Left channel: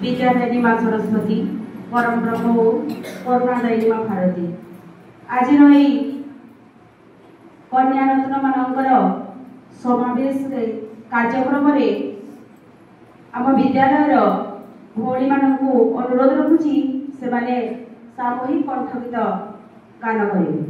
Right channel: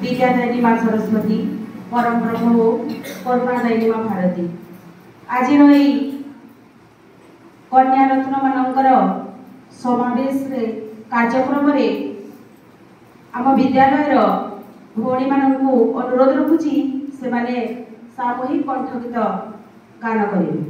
विद्यादायिनी माँ सरस्वती परम प्रभु करुणादायिनी माँ भारती आज कन्या रत्न मानकर समावेश कार्यक्रम आम विद्यालय भौणी मानू अनुरोध रखुची से माने सामूहिक कंठगीत गान करेंगे।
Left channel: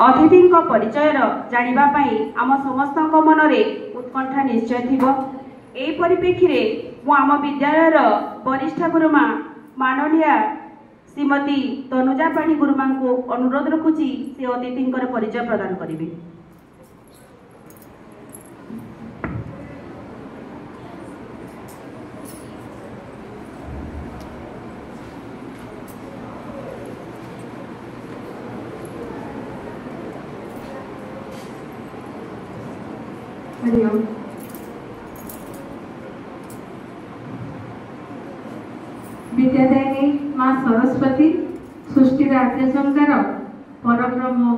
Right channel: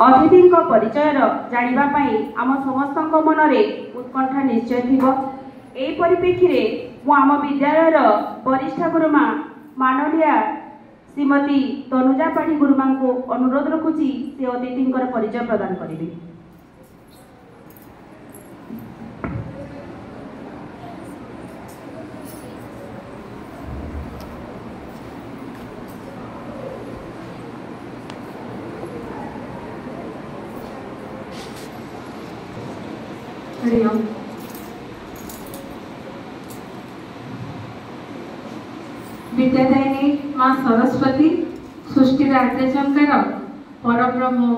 अतिथि परिचय जानिबा पाई आम समस्त मनरे उत्कंठा निश्चय थिबो। एई परिप्रेक्षी रे मु आम विद्यालयर वरिष्ठ गुरुमा माननीय श्रीमती तनुजा पाढ़ी गुरुमा को अनुरोध रखुची से अतिथि परिचय प्रदान करिवे। विद्यादायिनी माँ सरस्वती सृष्टि आद्यशंकर परब्रह्म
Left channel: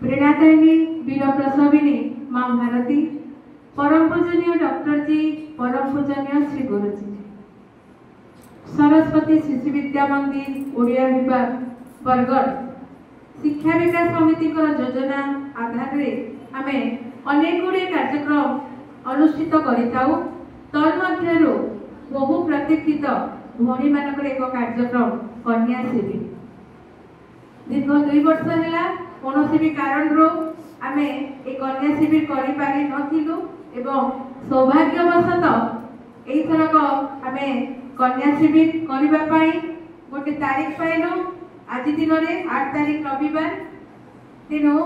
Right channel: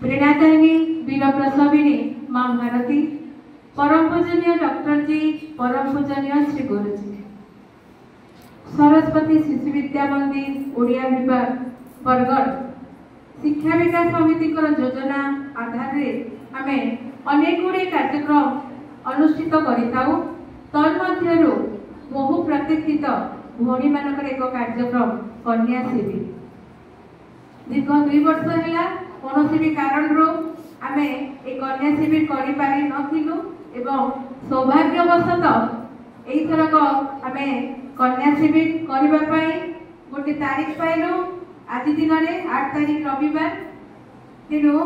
प्रेरणादायिनी वीर प्रसविनी माँ भारती परम पूजनीय डॉक्टर जी परम पूजनीय श्री गुरुजी सरस्वती शिशु विद्या मंदिर ओडिया विभाग बरगढ़ शिक्षा विकास समिति योजना आधार रे आमे अनेक गुड़े कार्यक्रम अनुष्ठित करिताउ। तन्मध्यरु बहु प्रतीक्षित भौणी मानकर एक कार्यक्रम कन्या शिविर दीर्घ 2 वर्ष है कौन भी कारण आमे एक कन्या शिविर करि पारि नथिलु एवं सौभाग्यवशतः एई थरक आमे कन्या शिविर करिबा पाई गोटे तारीख पाइलु। आज दिन में 8 तारीख रविवार तेणु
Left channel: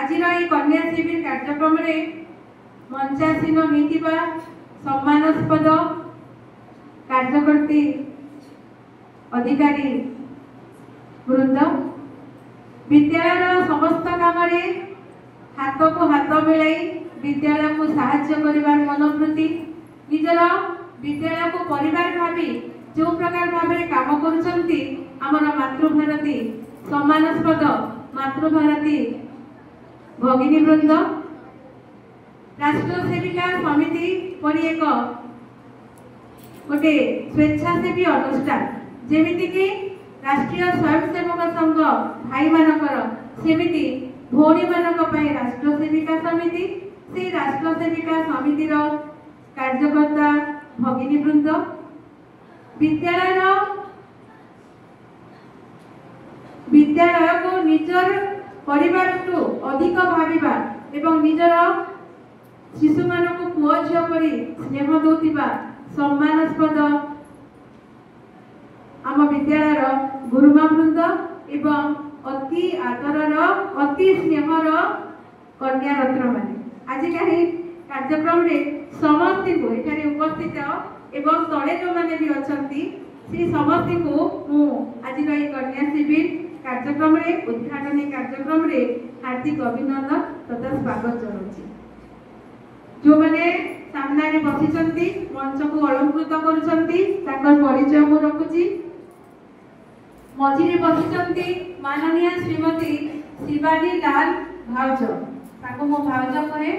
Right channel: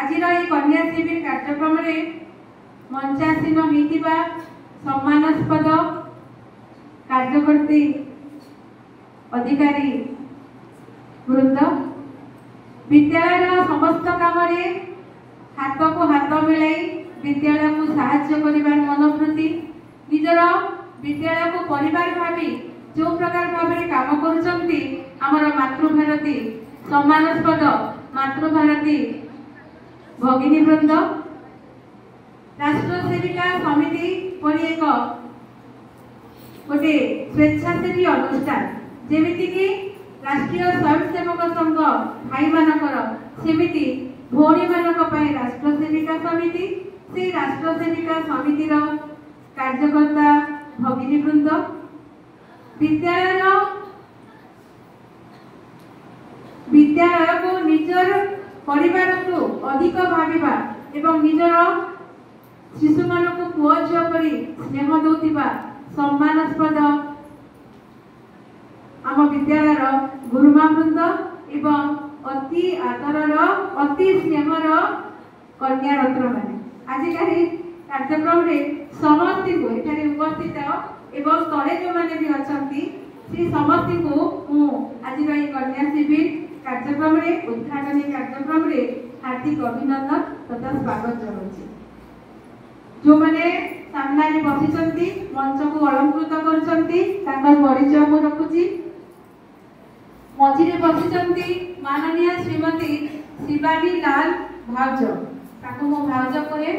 आज कन्या शिविर कार्यक्रम मंचासीन होइतिबा सम्मानास्पद कार्यकर्ती अधिकारी वृंद विद्यालय समस्त काम हाथ को हाथ मिलाई विद्यालय को साहाय्य करिबार मनोवृत्ति निजर विद्यालय को परिवार भावी जो प्रकार भाव काम करुचंती आमर मातृभारती सम्मानास्पद मातृभारती भगिनी वृंद राष्ट्र सेविका समिति परि एक गोटे स्वेच्छासेवी अनुष्ठान जेमिति कि राष्ट्रीय स्वयंसेवक संघ भाई मानकर सेमिति भौणी मानक पय राष्ट्र सेविका समिति से राष्ट्र सेविका समितिर कार्यकर्ता भगिनी वृंद विद्यालय को निजर परिवार को अधिक भाविबा एवं निजर शिशु मान को पुआ झिया परि स्नेह दौतिबा सम्मानास्पद आम विद्यालय गुरुमा वृंद एवं अति आदरर अति स्नेहर कन्या रत्न माने आज कहीं कार्यक्रम रे समस्त को एठारे उपस्थित एवं तले जो माने भी अछंती से समस्त को मु आज रही कन्या शिविर कार्यक्रम रे उद्घाटन कार्यक्रम रे हार्दिक अभिनंदन तथा स्वागत जनाउछि। जो माने सामने बसिचंती मंच को अलंकृत करचंती ताकर परिचय को रखुछि। मझिरे बसिचंती माननीय श्रीमती शिवानी लाल भाउज ताको मो भाउज करे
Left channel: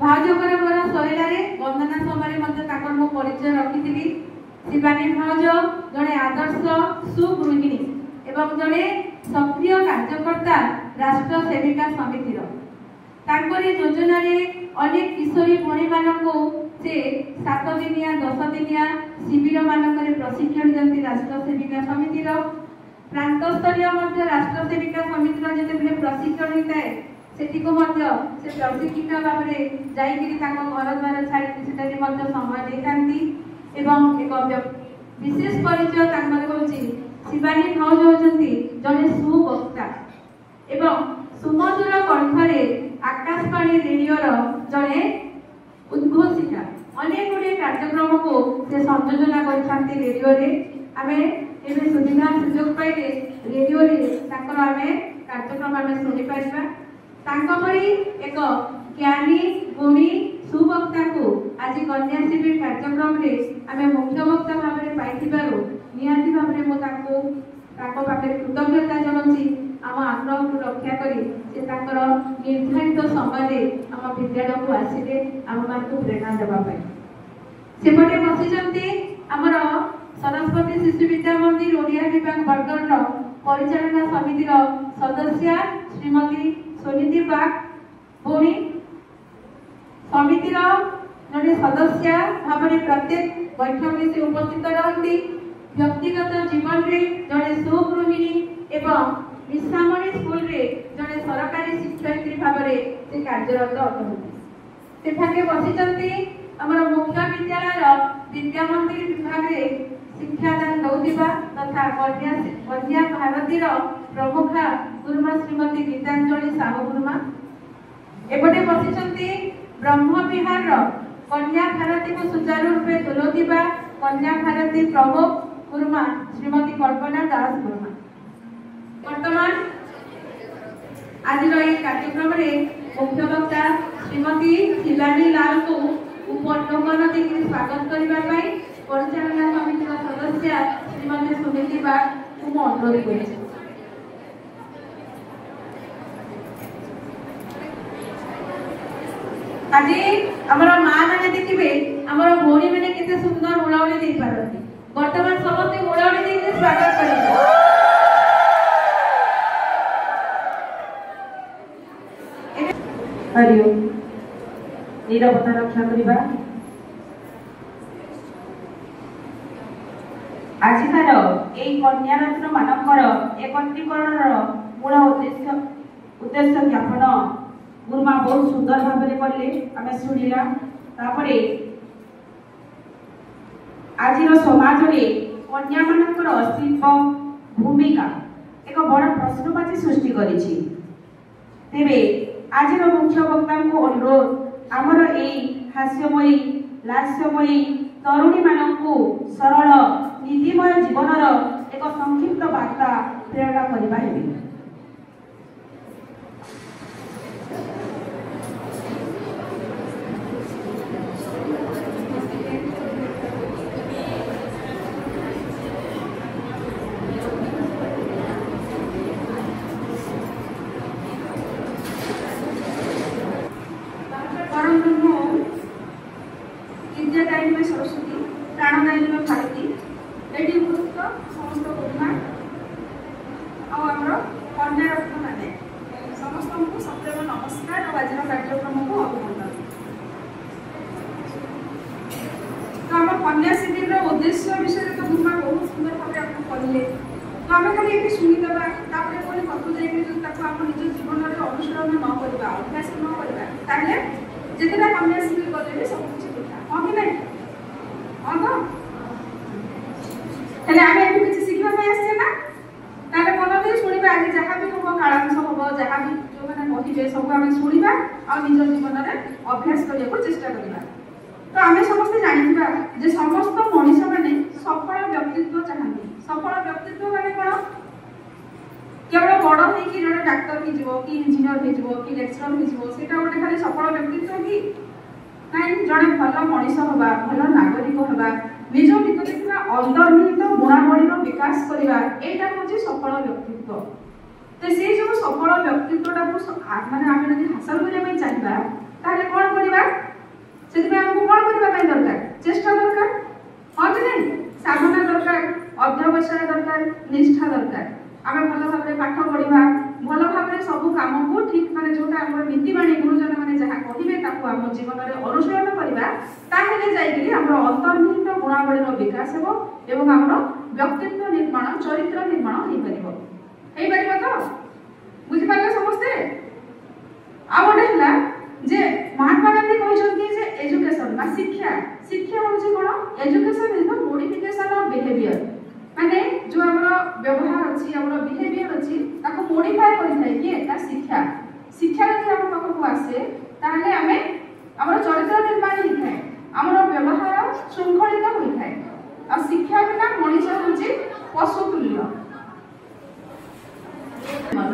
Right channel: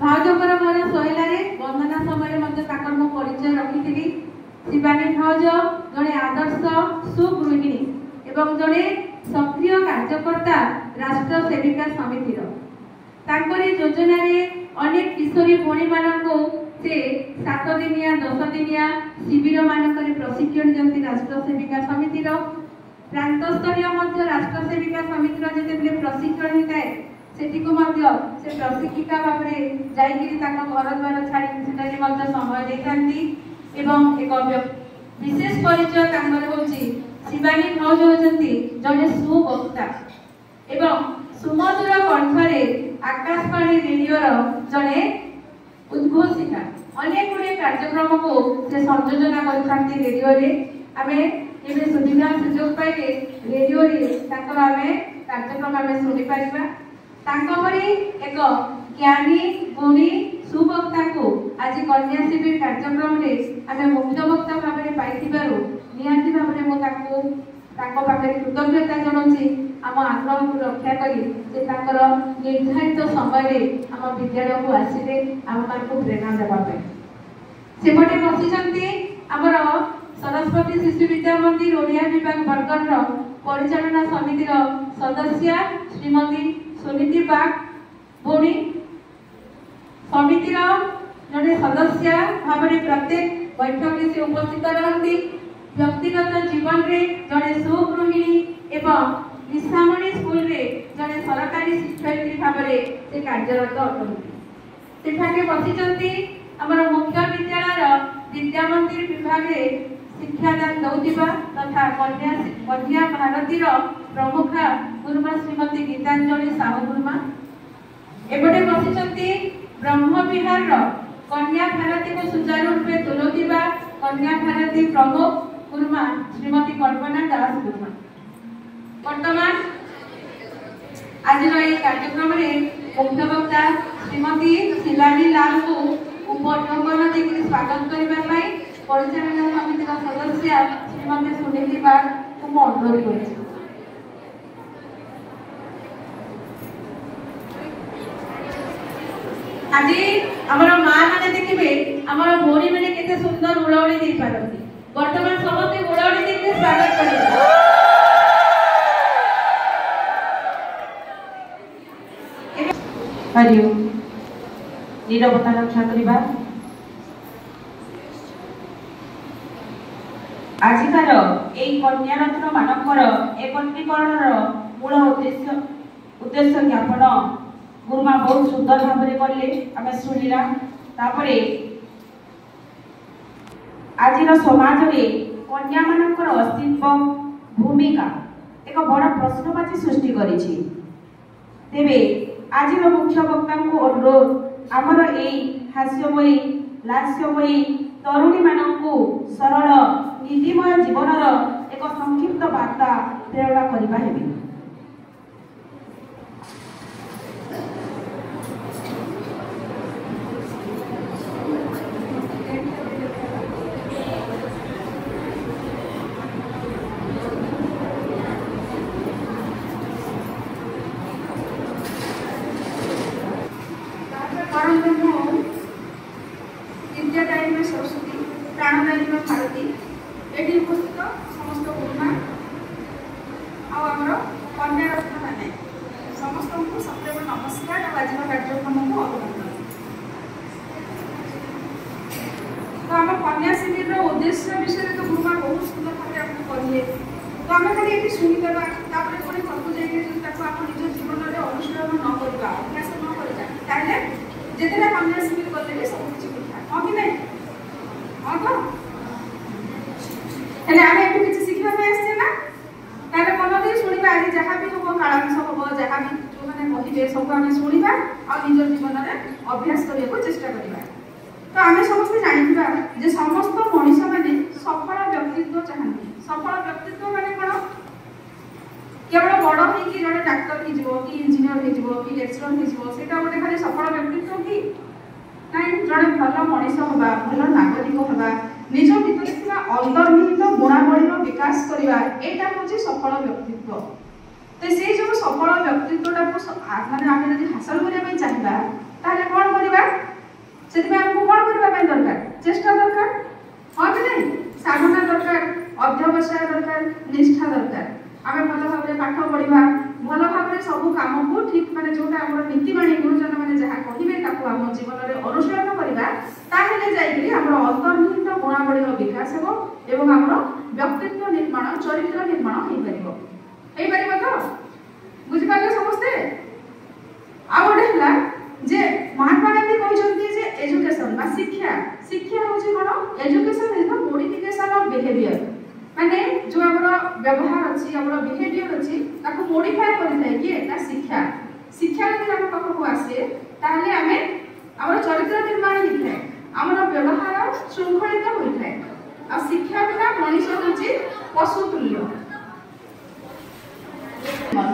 भाउजकर घर शैलारे वंदना समय मते ताकर मो परिचय रखिथिबी। शिवानी भाउज जने आदर्श सुगृहिणी एवं जने सक्रिय कार्यकर्ता राष्ट्र सेविका समितिर तांकरी योजना रे अनेक किशोरी भौणी मानक से 7 दिनिया 10 दिनिया शिविर मानक प्रशिक्षण जंती राष्ट्र सेविका समितिर प्रांत स्तरीय मध्य राष्ट्र सेविका समितिर जेते प्रशिक्षण होता है सेठी को मध्य से प्रशिक्षिका भाव में जाइकिरी ताको घर द्वार छाड़ी सेटारी मध्य समय देतांती एवं एक विशेष परिचय तांकर होची शिवानी भाउज होचंती जने सुवक्ता एवं सुमधुर कंठरे आकाशवाणी रेडियो जड़े उद्घोषिका अनेक गुड़े कार्यक्रम को से संयोजना करथांती रेडियो रे आमे एबे सुविधा सुयोग पाइले रेडियो रे ताकर आमे कार्यक्रम आमे सुनि पाइबा तांको परि एक ज्ञानी गुणी सुवक्ता को आज कन्या शिविर कार्यक्रम रे आमे मुख्य वक्ता भाबरे पाइथिबारो निहाती भाबरे मो ताको पाखरे कृतज्ञता जणाउछि। आम आग्रह को रक्षा करी से ताकर निर्धारित समय आम विद्यालय को आसिले आम को प्रेरणा देवाई सेपटे बसी आमर सरस्वती शिशु विद्या मंदिर ओडिया विभाग बरगढ़ परिचालना समितिर सदस्य श्रीमती सुनीति बाग भौणी समितिर जड़े सदस्य भाव प्रत्येक बैठक से उपस्थित रहती व्यक्तिगत जीवन रे जड़े सुगृहिणी एवं मिसामणी स्कूल रे जड़े सरकारी शिक्षयित्री भाव से कार्यरत अटंती सेठाके बसी आमर मुख्य विद्यालय विद्या मंदिर विभाग रे शिक्षादान दौथिबा तथा कन्या भारती प्रमुख गुरुमा श्रीमती गीतांजलि साहू गुरुमा एपटे बसी ब्रह्म विहार कन्या भारती को सुचारू रूपे तुलौथिबा कन्या भारती प्रमुख गुरुमा श्रीमती कल्पना दास गुरुमा वर्तमान आज कार्यक्रम मुख्य वक्ता श्रीमती शिवानी लाल को उपन्यापन देकर स्वागत करने परिचालना समितिर सदस्य श्रीमती सुनीति बाग को मैं अनुरोध कर आज आमर माँ मैंने देखिए आमर भौणी मैंने केते सुंदर उड़ाउड़ी दे पारती वर्तमान समस्त उड़ाउड़ी देके स्वागत करेंगे हरिओम नीरवता रक्षा करबा आजिकार एई कन्या रत्न मानकर एकत्रीकरणर मूल उद्देश्य ज्ञापन गुरुमा बहुत सुंदर भाव में कले आम शुणिला तापरे आज समाज में कन्या मानकर अस्तित्व भूमिका एक बड़ प्रश्नवाची सृष्टि करिछि तेबे आज मुख्य वक्ता को अनुरोध आमर एई हास्यमयी लास्यमयी तरुणी मानकु सरल नीतिमय जीवनर एक संक्षिप्त वार्ता प्रेरणा करबा हेबे उद्देश्य विषय तो गुरुमा बहुत सुंदर भाव आपको कहले तो आम खाली ये शुणीदेवा तापर कोई घरको जाकर निज जीवन में अनुशीलन न करवा अभ्यास न करवा जितने कन्या शिविर गले भी सब किसी कथा हाँ कि नहीं हाँ तो हेले आम एठू किसी शिखा आसचे ना तारे मन भी शुणा आज जहाँ भी हम कालांश हम जहाँ भी जो मैंने कहे सब आम शुणा आ निज जीवन में अभ्यास करने को चेष्टा करवा तो आम समस्त जानिबा जे समस्त मनीष माने सफल व्यक्तित्व चाहती सफल व्यक्तित्व माने कौन केवल बड़ हो कि जड़े डाक्तर हो कि इंजीनियर हो कि लेक्चरर हो सेटा गोटे खाली सफल व्यक्तित्व कि नाई जड़े भल मनीष हवा भल नागरिक हवा निज भीतर थिबा अंतर्निहित गुणावलीर विकास करबा एटा होची सफल व्यक्तित्व तो से जो सफल व्यक्तित्वटा को माने आमे यदि हासिल करिया चाहिबा ताले कोन करबा सेति हमको कोन करबा दरकार चेष्टा दरकार हाँ कि नहीं साधना दरकार अध्यवसाय दरकार निष्ठा दरकार आम भल भाव पाठ पढ़ा भल भाव सब कम को ठीक माने जोटा आम नीतिवाणी गुरुजन मैंने जहाँ कहे आम जीवन में अनुशीलन करवा अंतर्निहित गुणावलीर विकास हो आम व्यक्तित्व निर्माण चरित्र निर्माण हो पार तो बुझिपारे समस्ते आ गोटे है जे महात्मा गांधी कहते एजुकेशन शिक्षा शिक्षा हूँ कौन education is the modification of behaviour माने जो हमरो व्यवहार अछि हमरो बिहेवियर अछि ताको मोडिफाई करि कि ता शिक्षा शिक्षा यदि हम पाखको आसे ताले हमें हमरो चरित्र निर्माण होई थाए हमरो व्यवहार शृंखलित होई थाए आ शिक्षा बिना मनुष्य होछि पशु तुल्य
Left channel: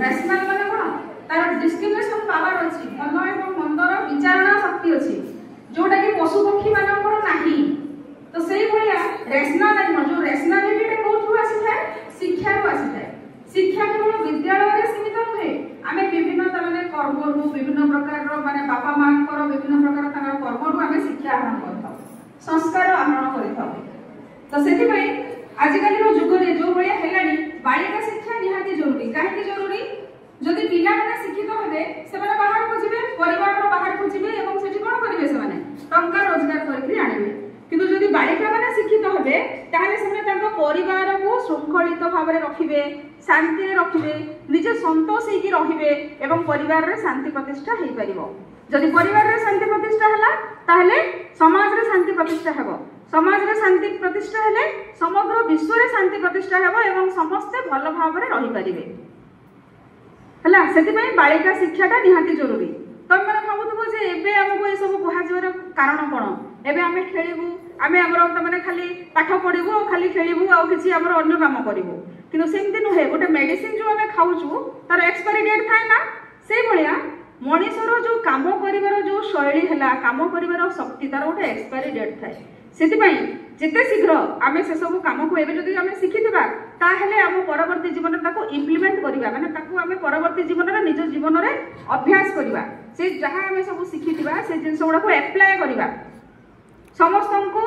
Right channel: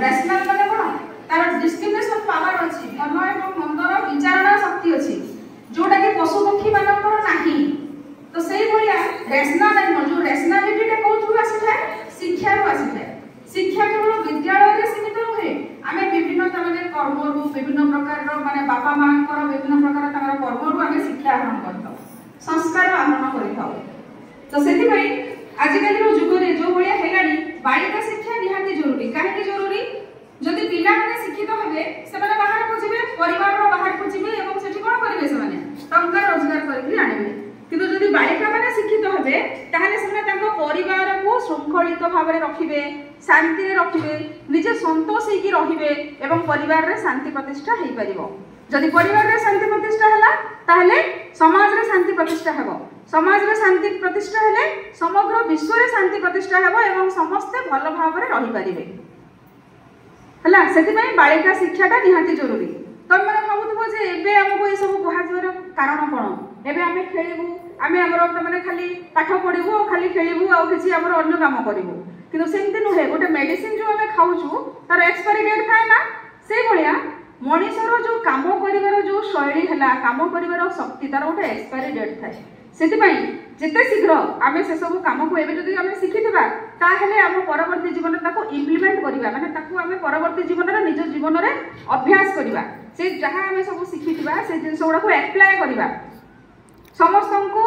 रैशनल माने कोन तार डिस्क्रिमिनेशन पावर अछि भल एवं मंदर विचारणा शक्ति अछि जोटा कि पशु पक्षी मानकर नाही तो सेही भलिया रैशनल एंड जो रैशनलिटी टे कोथु आसी थाए शिक्षा रो आसी थाए शिक्षा केवल विद्यालय रे विद्या आहरण कर संस्कार आहरण कर तो से आजिकल जुग में जो भाया है बालिका शिक्षा निहाती जरूरी कहीं जरूरी जदि पिला माने शिक्षित हेबे से बाहर को जिवे परिवार बाहर को जिवे एवं सेठी कोन करिवे से माने टंका रोजगार करके आनिबे किंतु जदि बालिका माने शिक्षित हेबे ताहाले से तांको परिवार को शृंखलित भाव में रखिबे शांति रे रखिबे निजे संतोष होई रहिबे एवं परिवार रे शांति प्रतिष्ठा हेई परिबो जदि परिवार रे शांति प्रतिष्ठा हला ताहाले समाज रे शांति प्रतिष्ठा हेबो समाज रे शांति प्रतिष्ठा हेले समग्र विश्व रे शांति प्रतिष्ठा हेबो एवं समस्त भल भाव में रहि परिबे हला सेति बालिका शिक्षाटा निहाती जरूरी तुम मैंने भावुव जे एबे हमको ये सब कहार कारण कौन एबे आमे खेलबू आमे हमर माने खाली पाठ पढ़िबू खाली खेलबू आ किछि हमर अन्य काम करिवू किंतु सेमति नुहे गोटे मेडिसिन जो आमे खाउछु तार एक्सपायरी डेट थाए ना सेई भलिया मनीषर जो काम करिवार जो शैली हला काम करिवार शक्ति तार गोटे एक्सपायरी डेट थाए सेति जिते शीघ्र आम से सब कम को एवं जब आम शिखिबा ताहले आम परवर्ती जीवन ताको इम्प्लीमेंट करिबा माने ताको आम परवर्ती जीवन रे निज जीवन रे अभ्यास करिबा से जहां आम सब शिखिबा से जिंस गुडा को अप्लाई करिबा समस्त को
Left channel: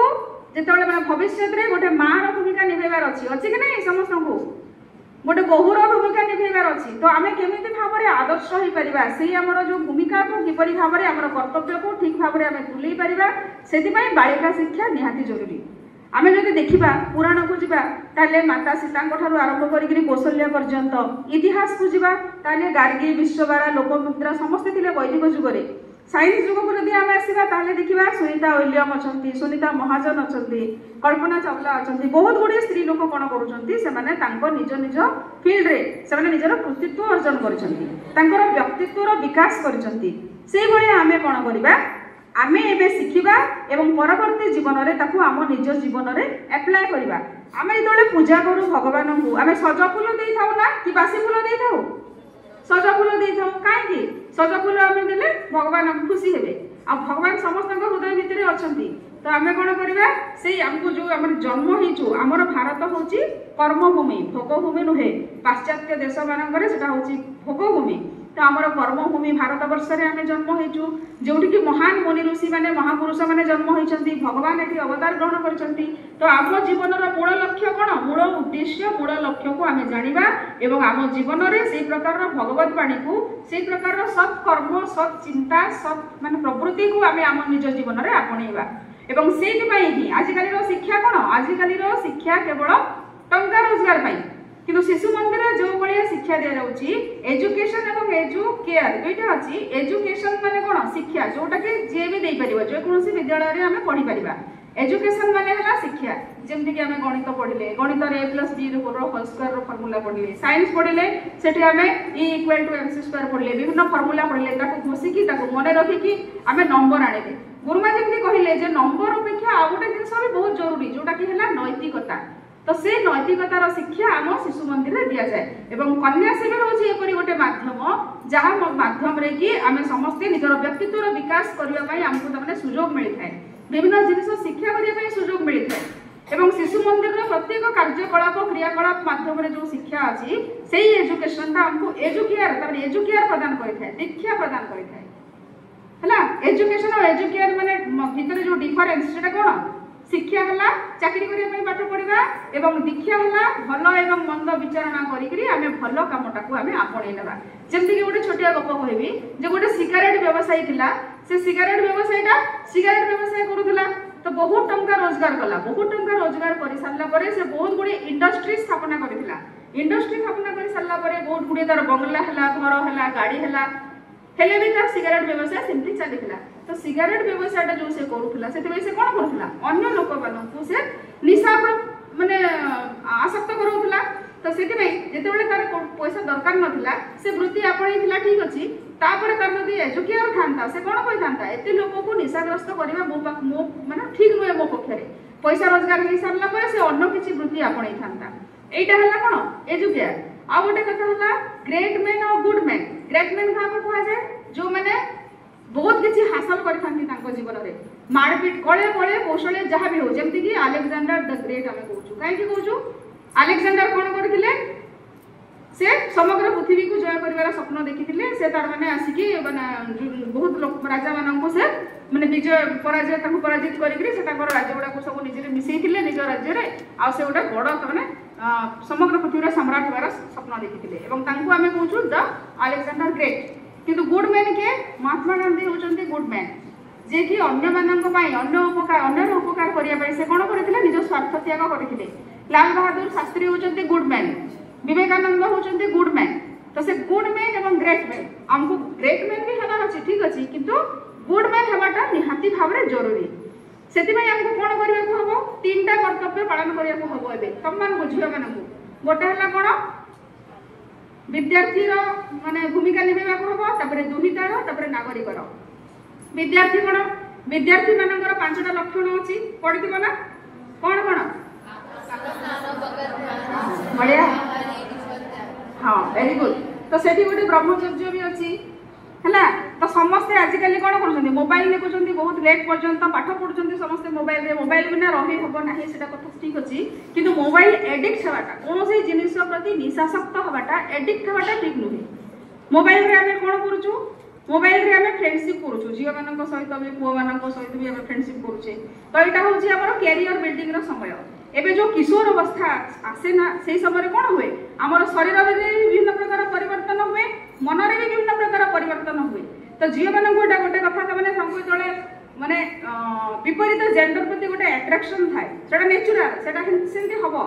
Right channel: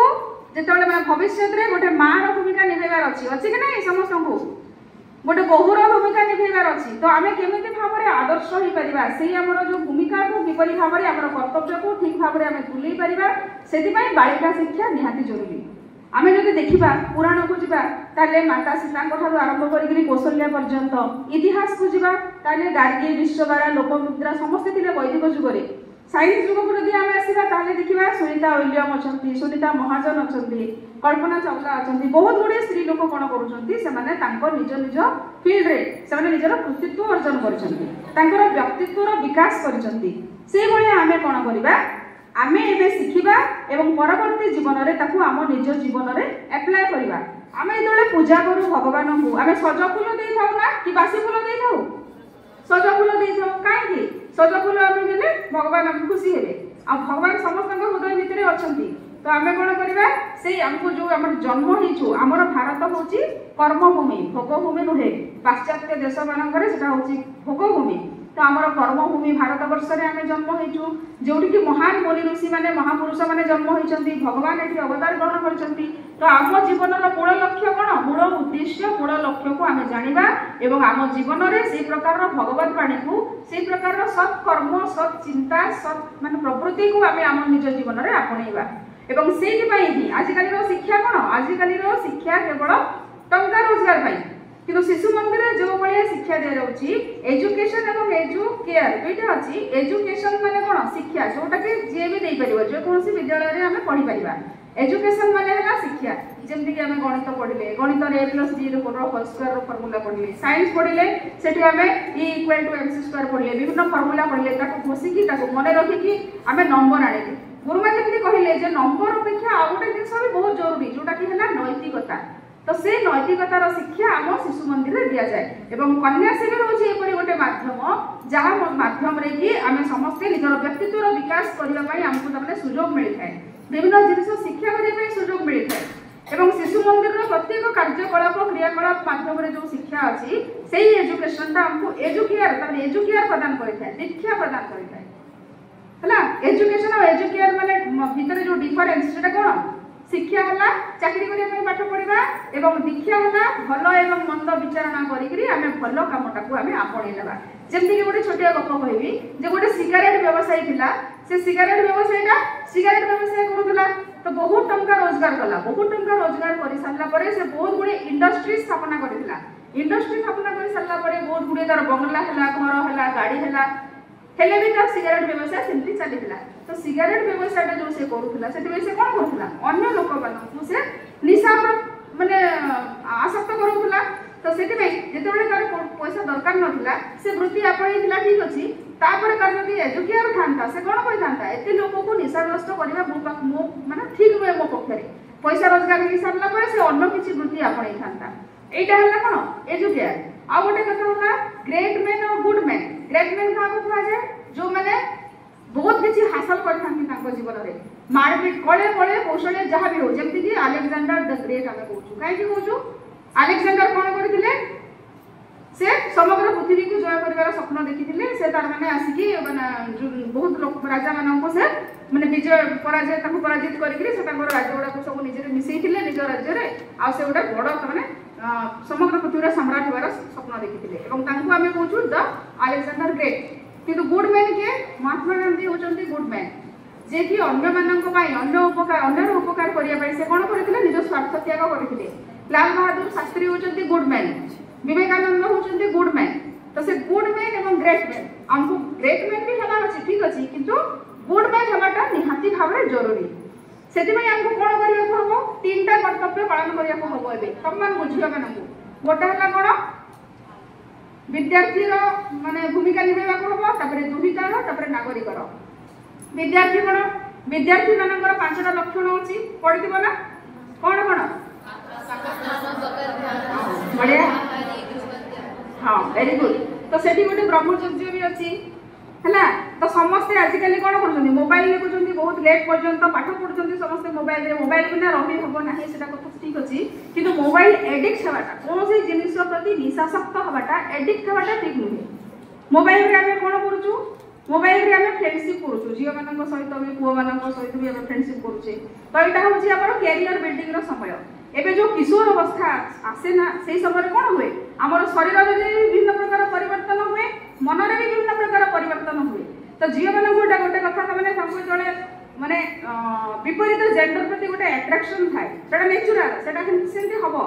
जेतबेले मैं भविष्य रे गोटे मां रो भूमिका निभेगार अछि कि नहीं समस्त को गोटे बहुर भूमिका निभेगार अछि तो आम केमिति भाव रे आदर्श होई परिबा से हमर जो भूमिका को किपरि भाव रे हमर कर्तव्य को ठीक भाव रे आम तुलई परिबा सेति बालिका शिक्षा निहाती जरूरी आमे जदि देखिबा पुराण को जिबा ताले माता सीता ठारू आरंभ करिकरी कौशल्या पर्यंत इतिहास को जिबा ताले गार्गी विश्वबारा लोकमुद्रा समस्त थिले वैदिक जुग रे साइंस जुग को जदि आमे आसीबा ताले देखिबा सुनीता विलियम अछंती सुनीता महाजन अछंती कल्पना चावला अछंती बहुत गुडी स्त्री लोक कोन करूछंती से माने तांको निज निज फील्ड रे से माने निजर कृतित्व अर्जन करिसंती तांकर व्यक्तित्व रो विकास करिसंती सेही भली आमे कोन करिबा आमे एबे शिखिबा एवं परवर्ती जीवन रे ताकू आम निज जीवन रे अप्लाई करिबा आमे जदि पूजा करू भगवान को आमे सज फूल देई थाउ ना कि बासी फूल देई थाउ सज फूल देई थाउ काहे कि सज फूल आमे देले भगवान हम खुशी हेबे आ भगवान समस्त हृदय भितरे अछंती तो आमे कोन करिबा से हमको जो हमर जन्म हिचु हमर भारत होची कर्मभूमि भोगभूमि नुहे पाश्चात्य देश मानकरे सेटा होची भोगभूमि तो आमर कर्मभूमि भारत वर्ष रे आमे जन्म होइछु जोठी कि महान मुनि ऋषि माने महापुरुष माने जन्म होइछंती भगवान एठी अवतार ग्रहण करछंती तो आम जीवन रो मूल लक्ष्य कोन मूल उद्देश्य मूल लक्ष्य को आमे जानिबा एवं आम जीवन रे से प्रकार रो भगवत वाणी को से प्रकार रो सत् कर्म सत् चिंता सत् माने प्रवृत्ति को आमे आम निज जीवन रे आपणैबा एवं सेति पई ही आजिकाली रो शिक्षा कोन आजिकाली रो शिक्षा केवल टंका रोजगार पई किंतु शिशु मंदिर जो भाया शिक्षा दे रही एजुकेशन एवं एजुकेयर ये अच्छी एजुकेशन माने कौन शिक्षा जोटा कि जी भी नहीं पार जो कौन विद्यालय में आम पढ़ी पार एजुकेशन माने है शिक्षा जमती कि आम गणित पढ़ले गणित a plus b whole square formula पढ़ले साइंस पढ़ले से आम E equal to MC square पढ़ले विभिन्न फर्मुला पढ़ले घोषिकी मन रखिकी आम नंबर आने गुरुमा जमी कहले नंबर अपेक्षा आ गोटे जिन भी बहुत जरूरी जोटा कि नैतिकता तो से नैतिकतार शिक्षा आम शिशु मंदिर में दि जाए एवं कन्या शिविर होची एपरि गोटे माध्यम जहाँ माध्यम रे कि आमे समस्ते निजर व्यक्तित्व विकास करबा पई हमको तमने सुयोग मिलता है विभिन्न जिनिस शिक्षा करबा पई सुयोग मिलता है एवं शिशु मंदिर रो प्रत्येक कार्यकलाप क्रियाकलाप माध्यम रे जो शिक्षा अछि सेही एजुकेशन ता हमको एजुकेयर प्रदान करथाय दीक्षा प्रदान करथाय हला एजुकेशन और एजुकेयर माने भीतर जो डिफरेंस सेटा कोन शिक्षा हला चाकरी करिया पई पाठ पढिबा एवं दीक्षा हला भलो एवं मंद विचारणा करिकरी आमे भलो कामटा को आमे आपणे लेबा जेमति कि गोटे छोटिया गप कहबी जे गोटे सिगारेट व्यवसायी थिला से सिगारेट व्यवसाय करूथला तो बहुत टंका रोजगार कला बहुत टंका रोजगार करि सारला परे से बहुत गुडी इंडस्ट्री स्थापना करिथिला इंडस्ट्री स्थापना करि सारला परे बहुत गुडी तार बंगला हला घर हला गाड़ी हला हेले भी तार सिगारेट व्यवसाय सिंपली चलीथिला तो सिगारेट व्यवसायटा जो से करूथला सेते से कोन करूथला अन्य लोक मानकु से निशा माने आसक्त करूथला तो सेते भाई जेतेबेले तार पैसा दरकार नथिला से वृत्ति आपणैथिला ठीक अछि तापर तार जदि एजुकेयर थांता से कोन कहि थांता एते लोक को निशाग्रस्त करिवे मो माने ठीक नुहे मो पक्षरे पैसा रोजगार हि सारला पय से अन्य किछि वृत्ति आपणै थांता एटा हला कोन एजुकेयर आ गोटे कथा हला ग्रेट मैन और गुड मैन ग्रेट मैन का कहा जाय जो माने बहुत किसी हासिल करथांती तांको जीवन रे मारपीट कळे कळे कौशल जहाँ भी हो जेमति कि अलेक्जेंडर द ग्रेट आमे कहूछु काहे कि कहूछु अलेक्जेंडर कोन करथिले से समग्र पृथ्वी को जय कर स्वप्न देखी से तार मैंने आसिकी बहुत राजा मान से मैंने विजय पराजय पराजित करके राज्य गुड़ाक सब निजे मिसई निज राज्य आ से गोटे बड़ मैंने समग्र पृथ्वी सम्राट होवार स्वप्न देखी आम कहूँ द अलेक्जेंडर ग्रेट किंतु गुड मैन किए महात्मा गांधी होती गुड मैन जे कि अन्य उपकार करने से कौन करते निज स्वार्थ त्याग करते लाल बहादुर शास्त्री होती गुड मैन विवेकानंद होती गुड मैन तो से गुड मैन और ग्रेट मैन आमको ग्रेट मैन भी हमार अच्छी ठीक अच्छे किंतु गुड मैन हमारा निहाती भाव में जरूरी से आमको कौन करने हम 3टा कर्तव्य पालन करने हम ए तुम मान झील मान गोटे है कौन विद्यार्थी माने भूमिका निभा हम दुहितार नागरिकर विद्यार्थी कौन विद्यार्थी मानकर 5टा लक्षण अच्छी पढ़ी ना कौन कौन बढ़िया हाँ वेरी गुड तो सेठी गोटे ब्रह्मचर्य भी अच्छी है तो समस्ते आजिकल कौन कर मोबाइल देखुं बहुत लेट पर्यंत पाठ पढ़ुं समस्ते मोबाइल बिना रही हम ना से कथा ठीक अच्छी कि मोबाइल एडिक्ट होगा कौन से जिनिस प्रति निशाशक्त होगा एडिक्ट होगा ठीक नुहे मोबाइल रे आम कौन करूँ मोबाइल रे आम फ्रेंडशिप करूँ झील मान सहित भी पुओ मान सहित भी फ्रेंडशिप करुचे तो यहाँ हूँ आम कैरियर बिल्डिंग समय एबे जो किशोर अवस्था आसे ना से समय कौन हुए आमर शरीर में विभिन्न प्रकार परिवर्तन हुए मन में भी विभिन्न प्रकार परिवर्तन हुए तो झील मान गोटे गोटे कथा मैंने माने विपरीत जेंडर प्रति गोटे अट्राक्शन थाए सेटा नेचुरल सेटा सेमती हम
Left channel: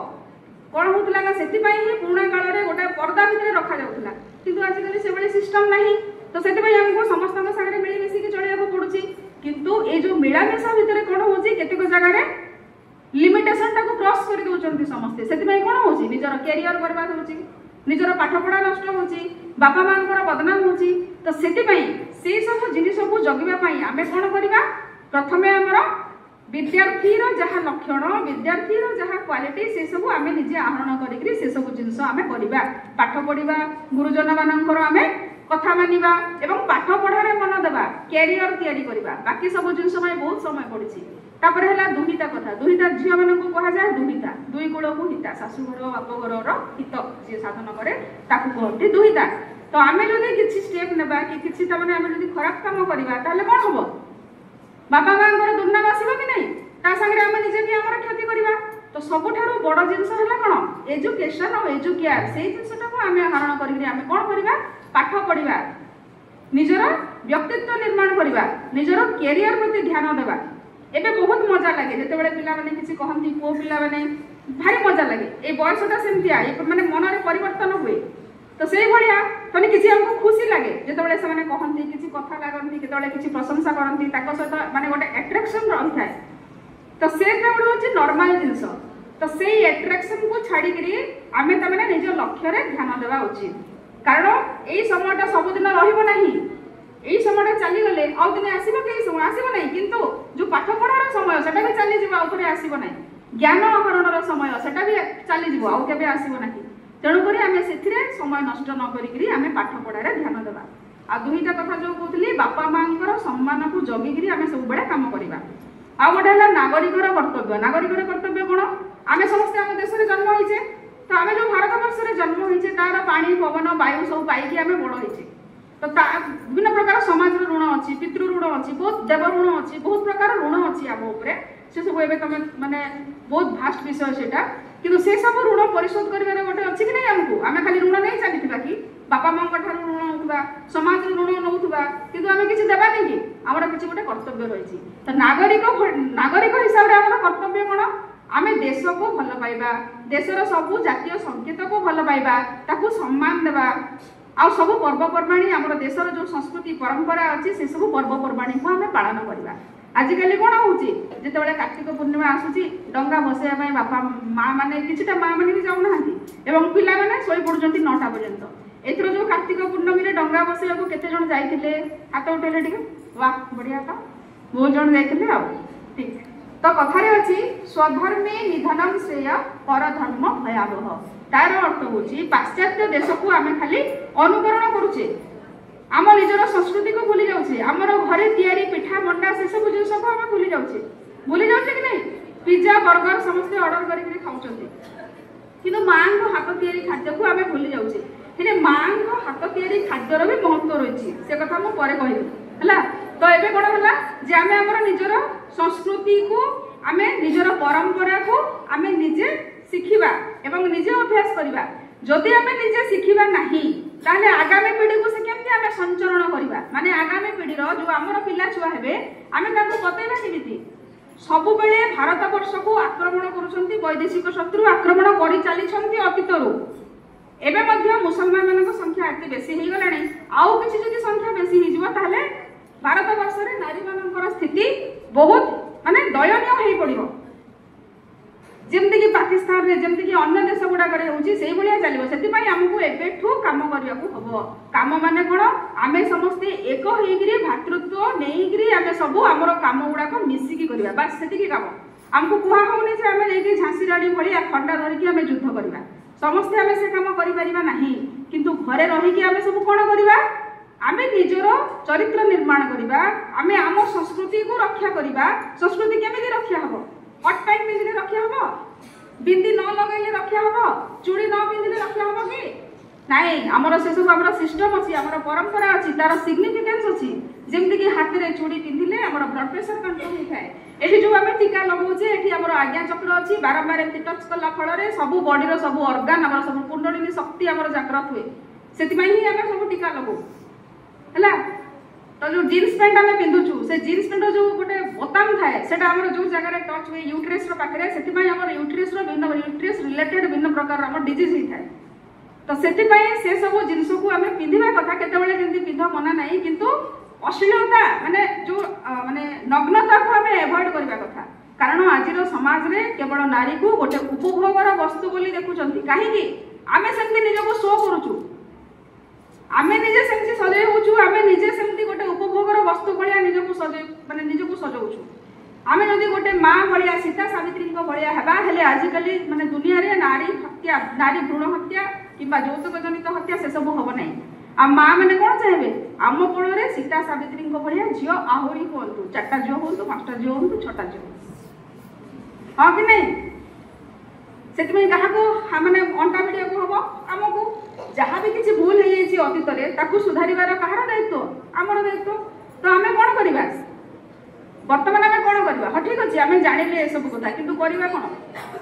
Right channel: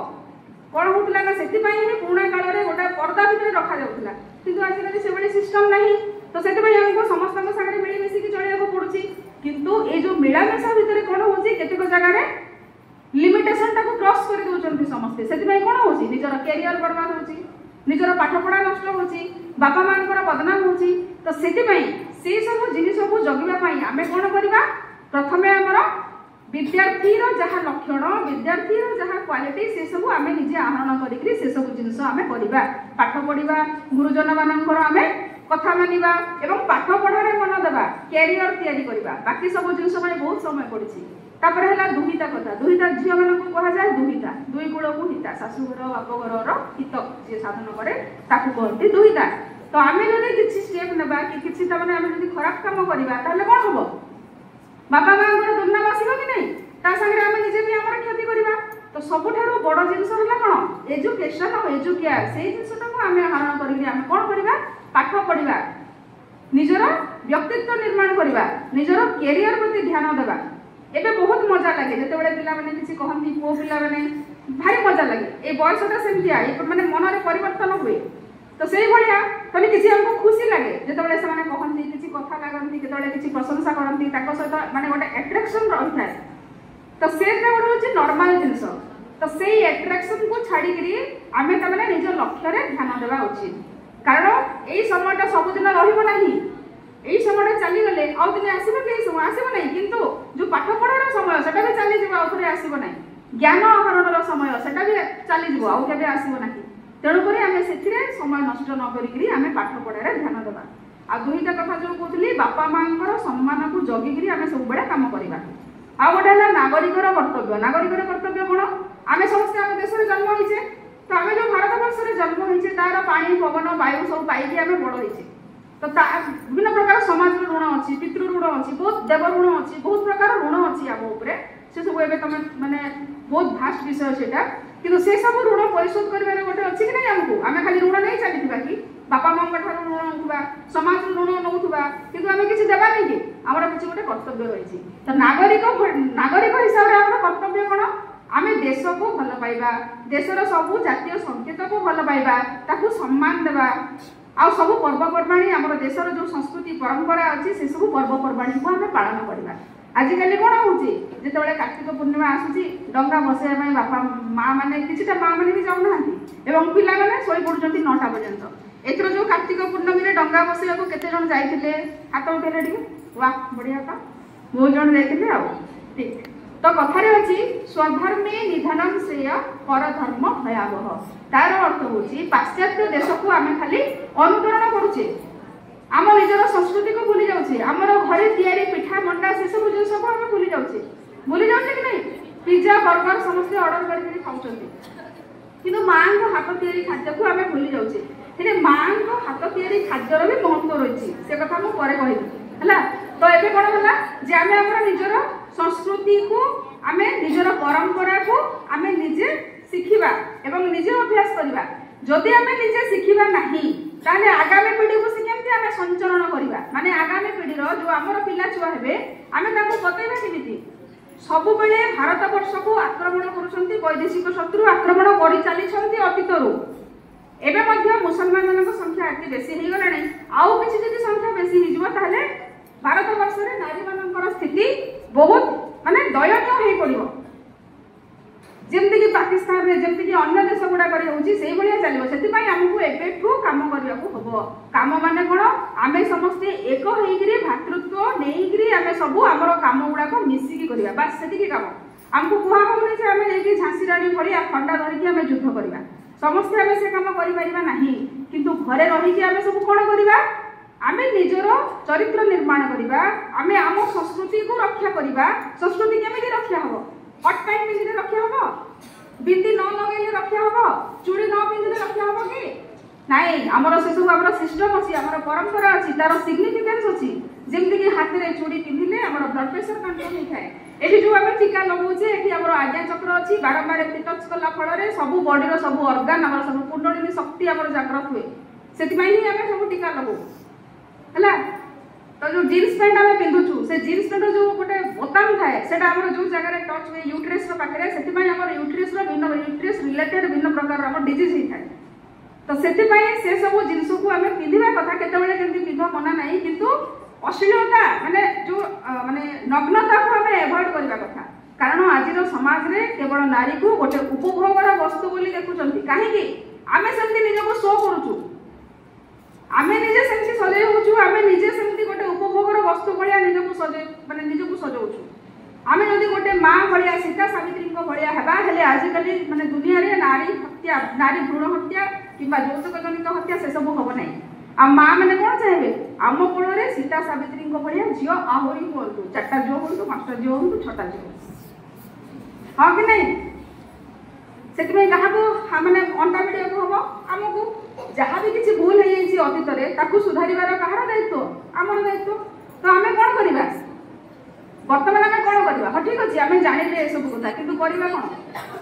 कौन होता ना से पुराणा काल में गोटे पर्दा भितर रखा जाऊला किंतु आजिकल से भाई सिस्टम नहीं तो से हमको समस्त सागर मिलमिशिकी चलने पड़ुची किंतु ये जो मिलामेशा भितर कौन हो केतेक जगह लिमिटेशन टाको क्रॉस कर दउचंती समस्ते सेति कौन होची निजर कैरियर बर्बाद होची निजर पाठपढ़ा नष्ट होची बापा मानकर बदनाम होची तो सेति से सब जिनिस को जगिबा पई आमे कोन करबा प्रथमे हमर विद्यार्थीर जहाँ लक्षण विद्यार्थीर जहाँ क्वालिटी से सब आमे निजे आहरण करिकरी से सब जिनिस आमे करबा पाठ पढ़िबा गुरुजन मानकर आमे कथा मानिबा एवं पाठ पढ़ारे मन देबा कैरियर तैयारी करबा बाकी सब जिनिस में बहुत समय पड़िछि तापर है दुहिता कथा दुहिता झील मान को कहा जाए दुहिता दुई गुण को हिता शाशुघर बापघर हित जी साधन करे ताकू कहते दुहिता तो आम जब किसी स्टेप नेबा कि किसी तमाने आम जब खराब काम करवा ताहले कौन हम बापा माँ दुर्नाम आसब कि नहीं ता संगे आम निजे भी आम क्षति करवा तो सबुठारु बड़ जिनस है कौन एजुकेशन और एजुकेयर से जिनटा आम आहरण करें कौन करवा पाठ पढ़ा निजर व्यक्तित्व निर्माण करवा निजर कैरियर प्रति ध्यान देवा एबे बहुत मजा लगे जिते बड़े पिला माने किसी कहती पुओ पिला माने भारी मजा लगे ए बयसटा सेमतिया माने मन में परिवर्तन हुए तो से भलिया तने किसी हमको खुशी लगे जिते बड़े से माने कहती किसी कथा लागंती केतबेले किसी प्रशंसा करती ताको सहित माने गोटे अट्रैक्शन रही थाए तो से गोटे होची नॉर्मल जिंस तो से अट्रैक्शन को छाड़ी करी आमे त माने निज लक्ष्य रे ध्यान देवा उचित कारण एई समयटा सब दिन रहिबो नाही एई समयटा चली गले आउ दिन आसीबो के समय आसीबो नाही किंतु जो पाठ पढ़ार समय सेटा भी चली जीव आउ थोड़े आसीबो नाही ज्ञान आहरणर समय सेटा भी चली जीव आउ केबे आसीबो नाही तेणु करी आमे सेथिरे समय नष्ट न करिकरी आमे पाठ पढ़ारे ध्यान देबा आ दुईटा कथा जो कहतली बापा मांकर सम्मान को जगिकरी आमे सब बडे काम करिबा आ गोटे है नागरिकर कर्तव्य कौन आमे समस्त आम देश में जन्म होइछे तो आमे जो भारत वर्ष में जन्म होइछे तार पानी पवन वायु सब पाइकी आमे बड़ होइछे तो विभिन्न प्रकार समाज ऋण अच्छी पितृ ऋण अच्छी बहुत देव ऋण अच्छी बहुत प्रकार ऋण अच्छी आम उपरे से सब एबे तुम माने बहुत भास्ट विषय सेटा किंतु से सब ऋण परिशोध करिवारे गोटे अच्छी कि नहीं हमको आमे खाली ऋण नहीं चलीथिबा कि बापा माँ ठार ऋण नौथुबा समाज ऋण नौथुबा किंतु आमे किछि देबा नहीं कि हमर किछि गोटे कर्तव्य रहिछि तो नागरिक हिसाब रे हमर कर्तव्य कोन आमे देश को भल पाइबा देशर सब जातीय संकेत को भल पाइबा ताकू सम्मान देबा आ सब पर्वपर्वाणी आम देशर जो संस्कृति परंपरा अच्छी से सब पर्वपर्वाणी को आम पालन करवा आजिकल कौन होची जिते कार्तिक पूर्णिमा आसूची डंगा बसैया बापा माँ मैंने किछिटा माँ मैंने भी जाऊना एवं पिला मैंने शोई पड़ुचंती 9टा पर्यंत एथर जो कार्तिक पूर्णमी रे डंगा बसैया को केते जण जाइथिले हाथ उठेले टिके वाह बढ़िया था बहुत जण जाइथिले आ ठीक तो कथारे अछि स्वधर्मे निधनम श्रेय परधर्म भयावह तार अर्थ होची पाश्चात्य देश को आमे खाली अनुकरण करूचे आम निजर संस्कृति को भूली जाउछे हमर घरे तयारी पिठा मंडा से सब जिनिस को आमे भूली जाउछे कि नहीं पिज्जा बर्गर समस्त ऑर्डर करी खाउछंती କିନ୍ତୁ ମାଙ୍କ ହାତ ତିଆରି ଖାଦ୍ୟକୁ ଆମେ ଭୁଲି ଯାଉଛେ। ହେଲେ ମାଙ୍କ ହାତ ତିଆରି ଖାଦ୍ୟର ବି ମହତ୍ଵ ରହିଛି, ସେ କଥା ମୁଁ ପରେ କହିବି ହେଲା। ତ ଏବେ କଣ ହେଲା ଯେ ଆମେ ଆମର ନିଜର ସଂସ୍କୃତିକୁ ଆମେ ନିଜର ପରମ୍ପରାକୁ ଆମେ ନିଜେ ଶିଖିବା ଏବଂ ନିଜେ ଅଭ୍ୟାସ କରିବା। ଯଦି ଆମେ ନିଜେ ଶିଖିବା ନାହିଁ ତାହେଲେ ଆଗାମୀ ପିଢ଼ିକୁ ସେ କେମିତି ଆମେ ସଞ୍ଚରଣ କରିବା, ମାନେ ଆଗାମୀ ପିଢ଼ିର ଯୋଉ ଆମର ପିଲା ଛୁଆ ହେବେ ଆମେ ତାଙ୍କୁ ବତେଇବା କେମିତି? ସବୁବେଳେ ଭାରତ ବର୍ଷକୁ ଆକ୍ରମଣ କରୁଛନ୍ତି, ବୈଦେଶିକ ଶତ୍ରୁ ଆକ୍ରମଣ କରି ଚାଲିଛନ୍ତି ଅତୀତରୁ। ଏବେ ମଧ୍ୟ ମୁସଲମାନ ମାନଙ୍କ ସଂଖ୍ୟା ଏତେ ବେଶୀ ହେଇଗଲାଣି, ଆଉ କିଛି ଯଦି ସଂଖ୍ୟା ବେଶୀ ହେଇଯିବ ତାହେଲେ ଭାରତ ବର୍ଷରେ ନାରୀ ମାନଙ୍କର ସ୍ଥିତି ବହୁତ ମାନେ ଦୟନୀୟ ହେଇ ପଡିବ। ଯେମିତିକି ପାକିସ୍ତାନରେ ଯେମିତିକି ଅନ୍ୟ ଦେଶ ଗୁଡାକରେ ହେଉଛି ସେଇଭଳିଆ ଚାଲିବ। ସେଥିପାଇଁ ଆମକୁ ଏବେଠୁ କାମ କରିବାକୁ ହବ। କାମ ମାନେ କଣ? ଆମେ ସମସ୍ତେ ଏକ ହେଇକିରି ଭାତୃତ୍ୱ ନେଇକିରି ଆମେ ସବୁ ଆମର କାମ ଗୁଡାକ ମିଶିକି କରିବା, ବାସ୍ ସେତିକି କାମ। ଆମକୁ କୁହା ହଉନି ଯେ ଆମେ ନେଇକି ଝାନ୍ସୀ ରାଣୀ ଭଳିଆ ଖଣ୍ଡା ଧରିକି ଆମେ ଯୁଦ୍ଧ କରିବା, ସମସ୍ତେ ଆମେ ସେ କାମ କରିପାରିବା ନାହିଁ। କିନ୍ତୁ ଘରେ ରହିକି ଆମେ ସବୁ କଣ କରିବା? ଆମେ ନିଜର ଚରିତ୍ର ନିର୍ମାଣ କରିବା, ଆମେ ଆମ ସଂସ୍କୃତିକୁ ରକ୍ଷା କରିବା। ସଂସ୍କୃତି କେମିତି ରକ୍ଷା ହବ? ହଟ୍ ପ୍ୟାଣ୍ଟ ପିନ୍ଧିଲେ ରକ୍ଷା ହବ? ବିନ୍ଦି ନ ଲଗାଇଲେ ରକ୍ଷା ହବ? ଚୁଡ଼ି ନ ପିନ୍ଧିଲେ ରକ୍ଷା ହବ କି? ନାଇଁ, ଆମର ସେସବୁ ଆମର ସିଷ୍ଟମ ଅଛି, ଆମର ପରମ୍ପରା ଅଛି, ତାର ସିଗ୍ନିଫିକାନ୍ସ ଅଛି। ଯେମିତିକି ହାତରେ ଚୁଡ଼ି ପିନ୍ଧିଲେ ଆମର ବ୍ଲଡ୍ ପ୍ରେସର କଣ୍ଟ୍ରୋଲ ହେଇଥାଏ। ଏଠି ଯୋଉ ଆମେ ଟିକା ଲଗାଉଛେ ଏଠି ଆମର ଆଜ୍ଞା ଚକ୍ର ଅଛି, ବାରମ୍ବାର ଏମିତି ଟଚ୍ କଲା ଫଳରେ ସବୁ ବଡିର ସବୁ ଅର୍ଗାନ ଆମର ସବୁ କୁଣ୍ଡଳିନୀ ଶକ୍ତି ଆମର ଜାଗ୍ରତ ହୁଏ। ସେଥିପାଇଁ ହିଁ ଆମେ ସବୁ ଟିକା ଲଗାଉ ହେଲା। ତ ଯୋଉ ଜିନ୍ସ ପ୍ୟାଣ୍ଟ ଆମେ ପିନ୍ଧୁଛୁ ସେ ଜିନ୍ସ ପ୍ୟାଣ୍ଟର ଯୋଉ ଗୋଟେ ବୋତାମ ଥାଏ ସେଟା ଆମର ଯୋଉ ଜାଗାରେ ଟଚ୍ ହୁଏ ୟୁଟ୍ରେସର ପାଖରେ, ସେଥିପାଇଁ ଆମର ୟୁଟ୍ରେସର ୟୁଟ୍ରେସ ରିଲେଟେଡ ବିଭିନ୍ନ ପ୍ରକାର ଆମର ଡିଜିଜ ହେଇଥାଏ। ତ ସେଥିପାଇଁ ସେ ସବୁ ଜିନିଷକୁ ଆମେ ପିନ୍ଧିବା କଥା, କେତେବେଳେ ଯେମିତି ପିନ୍ଧ ମନା ନାହିଁ, କିନ୍ତୁ ଅଶ୍ଳୀଳତା ମାନେ ଯୋଉ ମାନେ ନଗ୍ନତାକୁ ଆମେ ଏଭଏଡ କରିବା କଥା। କାରଣ ଆଜିର ସମାଜରେ କେବଳ ନାରୀକୁ ଗୋଟେ ଉପଭୋଗର ବସ୍ତୁ ବୋଲି ଦେଖୁଛନ୍ତି। କାହିଁକି? ଆମେ ସେମିତି ନିଜକୁ ଶୋ କରୁଛୁ, ଆମେ ନିଜେ ସେମିତି ସଜେଇ ହଉଛୁ, ଆମେ ନିଜେ ସେମିତି ଗୋଟେ ଉପଭୋଗର ବସ୍ତୁ ଭଳିଆ ନିଜକୁ ସଜଉଛୁ। ଆମେ ଯଦି ଗୋଟେ ମା ଭଳିଆ ସୀତା ସାବିତ୍ରୀଙ୍କ ଭଳିଆ ହେବା, ହେଲେ ଆଜିକାଲି ମାନେ ଦୁନିଆରେ ନାରୀ ହତ୍ୟା, ନାରୀ ଭ୍ରୂଣ ହତ୍ୟା କିମ୍ବା ଯୌତୁକ ଜନିତ ହତ୍ୟା ସେସବୁ ହବ ନାହିଁ। ଆଉ ମା ମାନେ କଣ ଚାହିଁବେ? ଆମ କୋଳରେ ସୀତା ସାବିତ୍ରୀଙ୍କ ଭଳିଆ ଝିଅ ଆହୁରି ହୁଅନ୍ତୁ, 4ଟା ଝିଅ ହୁଅନ୍ତୁ, 5ଟା ଝିଅ ହୁଅନ୍ତୁ, 6ଟା ଝିଅ ହୁଅନ୍ତୁ, ହଁ କି ନାଇଁ? ସେଥିପାଇଁ କାହାକୁ ମାନେ ଅଣ୍ଟା ଭିଡ଼ିବାକୁ ହବ? ଆମକୁ। ଯାହା ବି କିଛି ଭୁଲ ହେଇଯାଇଛି ଅତୀତରେ ତାକୁ ସୁଧାରିବାର କାହାର ଦାୟିତ୍ୱ? ଆମର ଦାୟିତ୍ୱ। ତ ଆମେ କଣ କରିବା ବର୍ତ୍ତମାନ? ଆମେ କଣ କରିବା? ହଁ ଠିକ ଅଛି, ଆମେ ଜାଣିଲେ ଏସବୁ କଥା, କିନ୍ତୁ କରିବା କଣ?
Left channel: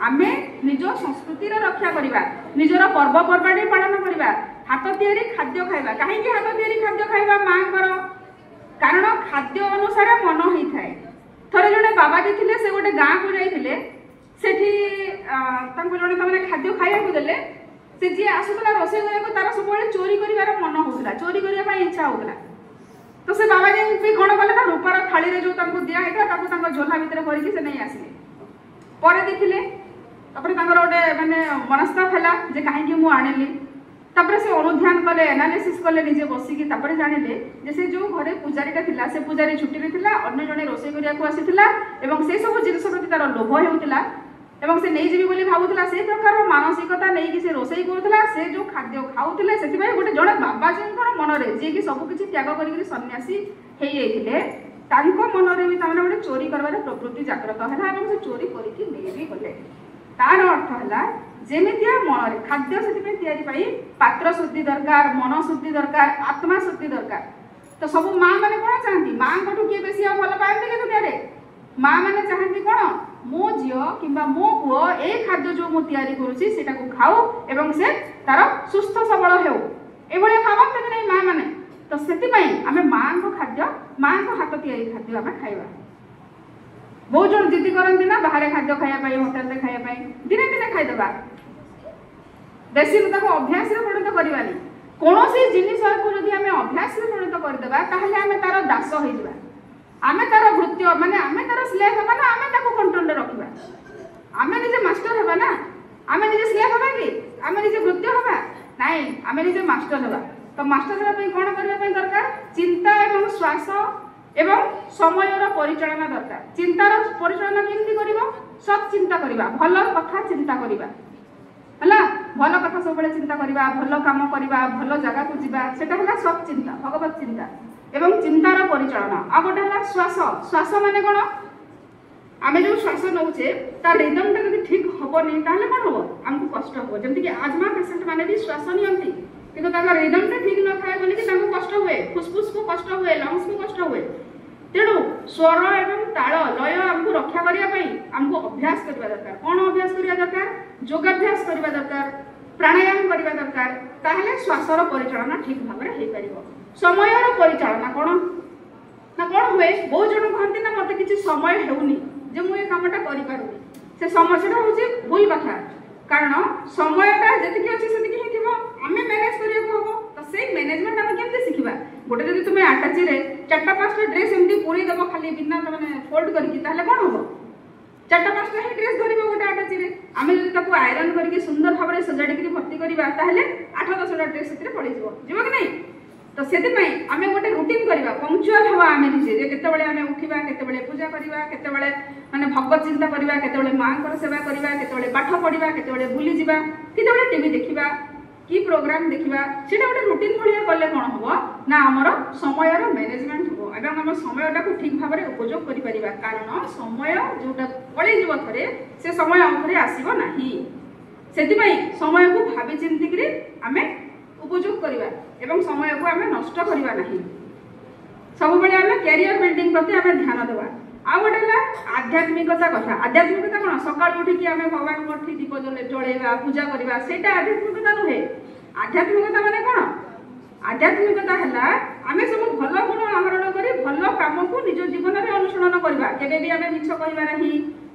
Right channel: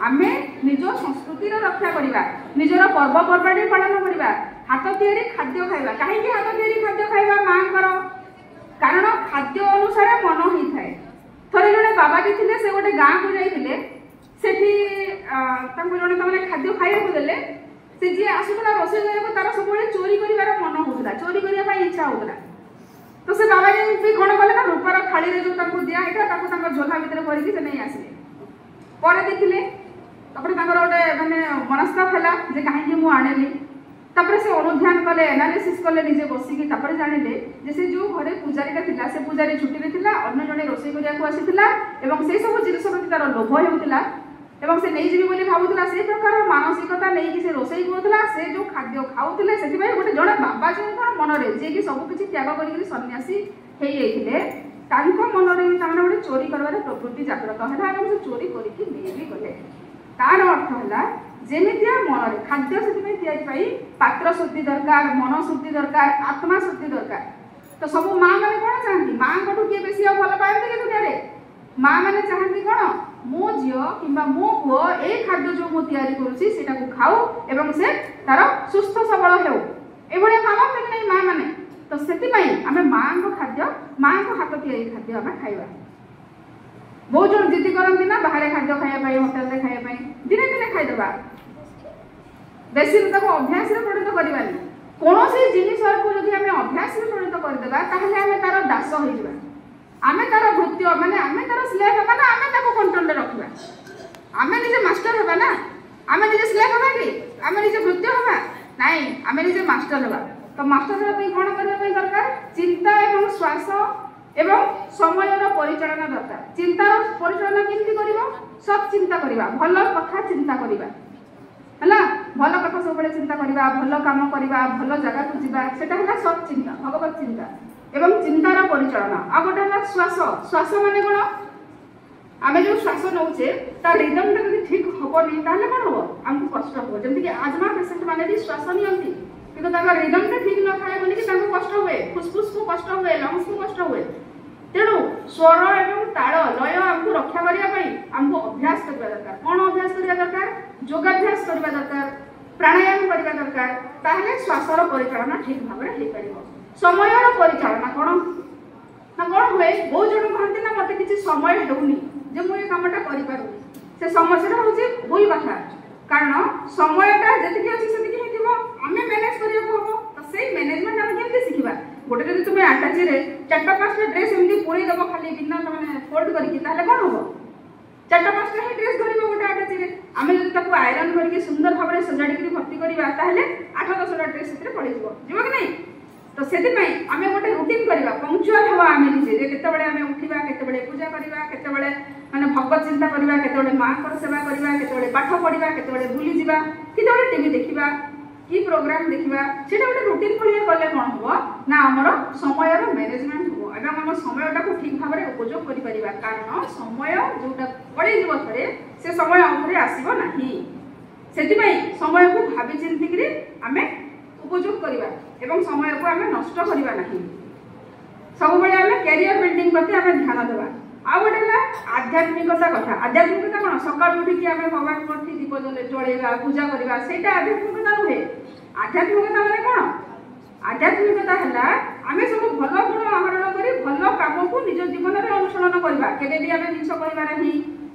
ଆମେ ନିଜ ସଂସ୍କୃତିର ରକ୍ଷା କରିବା, ନିଜର ପର୍ବପର୍ବାଣି ପାଳନ କରିବା, ହାତ ତିଆରି ଖାଦ୍ୟ ଖାଇବା। କାହିଁକି ହାତ ତିଆରି ଖାଦ୍ୟ ଖାଇବା ମାଙ୍କର? କାରଣ ଖାଦ୍ୟ ଅନୁସାରେ ମନ ହେଇଥାଏ। ଥରେ ଜଣେ ବାବାଜୀ ଥିଲେ, ସେ ଗୋଟେ ଗାଁକୁ ଯାଇଥିଲେ, ସେଠି ତାଙ୍କୁ ଜଣେ ତାମାନେ ଖାଦ୍ୟ ଖାଇବାକୁ ଦେଲେ। ସେ ଯିଏ ଆସୁଥିଲା ରୋଷେଇ କରିବାକୁ ତାର ସବୁବେଳେ ଚୋରି କରିବାର ମନ ହଉଥିଲା, ଚୋରି କରିବା ପାଇଁ ଇଚ୍ଛା ହଉଥିଲା। ତ ସେ ବାବାଜୀ ବି କଣ କଲେ ନା, ରୂପାର ଥାଳିରେ ଯୋଉ ତାଙ୍କୁ ଦିଆ ହେଇଥିଲା ତାକୁ ତାଙ୍କ ଝୋଲା ଭିତରେ ଭରିକି ସେ ନେଇ ଆସିଲେ। ପରେ ଦେଖିଲେ, ତାପରେ ତାଙ୍କର ଗୋଟେ ମାନେ ମନସ୍ତାପ ହେଲା ଯେ କାହିଁକି ମୁଁ ଆଣିଲି। ତାପରେ ସେ ଅନୁଧ୍ୟାନ କଲେ, ଏନାଲିସିସ୍ କଲେ ନିଜେ ବସିକି। ତାପରେ ଜାଣିଲେ ଯେ ସେ ଯୋଉ ଘରେ ପୂଜାରୀଟା ଥିଲା ସେ ପୂଜାରୀ ଛୁଟିରେ ଥିଲା, ଅନ୍ୟ ଜଣେ ରୋଷେଇ କରିବାକୁ ଆସିଥିଲା ଏବଂ ସେ ସବୁ ଜିନିଷ ପ୍ରତି ତାର ଲୋଭ ହେଉଥିଲା ଏବଂ ସେ ନେଇଯିବି ବୋଲି ଭାବୁଥିଲା। ସେ ପ୍ରକାର ମାନସିକତା ନେଇକି ସେ ରୋଷେଇ କରୁଥିଲା, ସେ ଯୋଉ ଖାଦ୍ୟ ଖାଉଥିଲେ। ସେଥିପାଇଁ ଗୋଟେ ଜଣେ ବାବାଜୀଙ୍କର ମନରେ, ଯିଏକି ସବୁ କିଛି ତ୍ୟାଗ କରିକି ସନ୍ନ୍ୟାସୀ ହେଇଯାଇଥିଲେ, ତାଙ୍କ ମନରେ ବି ତାମାନେ ଗୋଟେ ଚୋରି କରିବାର ପ୍ରବୃତ୍ତି ଜାଗ୍ରତ ହେଲା ଏବଂ ସେ ଚୋରି କରିକି ନେଇ ବି ଗଲେ। ତାର ଅର୍ଥ ହେଲା ଯେମିତିଆ ମନରେ ଖାଦ୍ୟ, ସେଥିପାଇଁ ତିଆରି ପାଇଁ ପାତ୍ର ଶୁଦ୍ଧି ଦରକାର, ମନ ଶୁଦ୍ଧି ଦରକାର, ଆତ୍ମା ଶୁଦ୍ଧି ଦରକାର। ତ ସବୁ ମା ମାନେ କଣ ଚାହାନ୍ତି? ମାଙ୍କଠୁ କିଏ ବେଶୀ ଆଉ ଭଲ ପାଆନ୍ତି କି ଦୁନିଆରେ? ମା ମାନେ ଚାହାନ୍ତି କଣ? ମୋ ଝିଅ କିମ୍ବା ମୋ ପୁଅ ଏଇ ଖାଦ୍ୟ ଯୋଉ ମୁଁ ତିଆରି କରୁଛି ସେଟାକୁ ଖାଉ ଏବଂ ସେ ତାର ସୁସ୍ଥ ସବଳ ହେଉ, ଏଭଳିଆ ଭାବନ୍ତି କି ନାହିଁ ମା ମାନେ? ତ ସେଥିପାଇଁ ଆମେ ମାଙ୍କ ଖାଦ୍ୟ, ମାଙ୍କ ହାତ ତିଆରି ଖାଦ୍ୟ ଆମେ ଖାଇବା। ବହୁତ ଜଣ ଜିଦି କରନ୍ତି ନା ବାହାରେ ଖାଦ୍ୟ ଖାଇବା ପାଇଁ, ହୋଟେଲରେ ଖାଇବା ପାଇଁ। ଦିନେ ଦିନେ ଖାଇଦେବା, ବେଶୀ ତାକୁ ଅଭ୍ୟାସରେ ପରିଣତ କରିବାନି। କୌଣସି ଜିନିଷକୁ ଯଦି ଆମେ ଅଭ୍ୟାସରେ ପରିଣତ କରିଦେବା ତାହେଲେ ଆମେ ତାର ଦାସ ହେଇଯିବା, ଆମେ ତାର ଭୃତ୍ୟ ମାନେ ଆମେ ତାର ସ୍ଲେଭ ହେବା ନା ଆମେ ତାକୁ କଣ୍ଟ୍ରୋଲରେ ରଖିବା? ଆମେ ନିଜେ ମାଷ୍ଟର ହେବା ନା, ଆମେ ନିଜେ ସ୍ଲେଭ ହେବା କି? ଆମେ ନିଜେ ଭୃତ୍ୟ ହେବା? ନାଇଁ, ଆମେ ନିଜେ ମାଷ୍ଟର ହେବା। ତ ମାଷ୍ଟର ହେବା ପାଇଁ କଣ କରିବା ପାଇଁ ଦରକାର? ଚିନ୍ତା ଏବଂ ଶ୍ୱାସ ଏବଂ ସମୟର ପରିଚାଳନା ଦରକାର। ଚିନ୍ତାର ପରିଚାଳନା କେମିତି କରିବ? ସତ୍ ଚିନ୍ତା କରିବା, ଭଲ କଥା ଚିନ୍ତା କରିବା ହେଲା। ଭଲ କଥା ସବୁବେଳେ ଚିନ୍ତା କରିବା, ଭଲ କାମ କରିବା, ଭଲ ଜାଗାକୁ ଯିବା, ସେଟା ହେଲା ସତ୍ ଚିନ୍ତା, ଭଗବତ ଚିନ୍ତା ଏବଂ ଚିନ୍ତାର ପରିଚାଳନା। ଆଉ ଗୋଟେ ହେଲା ଶ୍ୱାସ। ଶ୍ୱାସ ମାନେ କଣ? ଆମେ ଯୋଉ ଶ୍ୱାସ ନଉଛେ ତା ରିଦମଟା ଯଦି ଠିକ हेनी ताहले कौन हम आमको कष्ट हो जमीक आजमा पेसेंट मैंने भी श्वास नियंती किंतु रिदम ठीक न थाए बोलिकी कष्ट हुए फुसफुस को कष्ट हुए लंग्स को कष्ट हुए तेणु स्वर एवं ताल लय आमको रक्षा करने आमको अभ्यास करने दरकार कौन अभ्यास करने दरकार योगाभ्यास करने दरकार प्राणायाम करने दरकार ताहले श्वासर परिचालना ठीक भाव में हो पार समय परिचालना कौन ना कौन हुए बहुत जन कहते ना मत किसी समय होनी जे मुझे कामटा करें से समस्या हूँ भूल कथा कारण समयटा जी अच्छी से आम मैनेज करने हम तो से मैनेजमेंट आम केमती शिखा गोटे जब तुम आटाची चार्टा पाँचटा ड्रेस एमती पुणी देव खाली बिना मैंने फोल्ड करके कौन हम चार्टा पाँचटा ही ड्रेस धरब गोटे आटाची आम जब आयरन करके सुंदर भाव में सजाड़ी भर्ती करवा 8-10टा ड्रेस से पड़े जीव कि नहीं तो से आम गोटे रुटीन करवा पंक्चुआल हवा आम निजे केतबेले आम उठा केतबेले पूजा करवा केतबेले माने भगवत चिंता करवा केतबेले माँ सेवा करवा केतबेले पाठ पढ़ा केतबेले बुली जावा केतबेले टीवी देखा कि प्रोग्राम देखा से गोटे रुटीन भाया कले कौन हम ना आमर समय मैनेजमेंट हम एवं आम समयटा को ठीक भाव में उपयोग कर कारण समय जोटा पलैजा थे से समय आगे आसब ना से समय को भावी चिंतिक आम उपयोग करवा एवं समय को आम नष्ट करवा ना सब बड़े आम कैरियर बिल्डिंग प्रति आम ध्यान देवा आ गोटे आध्यात्मिकता कथा आध्यात्मिकता कौन सकाल उठिकी आम भगवान दीप जलैवा पूजा करवा से आध्यात्मिकता नुहे आध्यात्मिकता माने कौन आध्यात्मिकता है आम सब भल गुण आहरण कर भल कम को निज जीवन में अनुसरण करवा केबे भी आम मिछ कहवा ना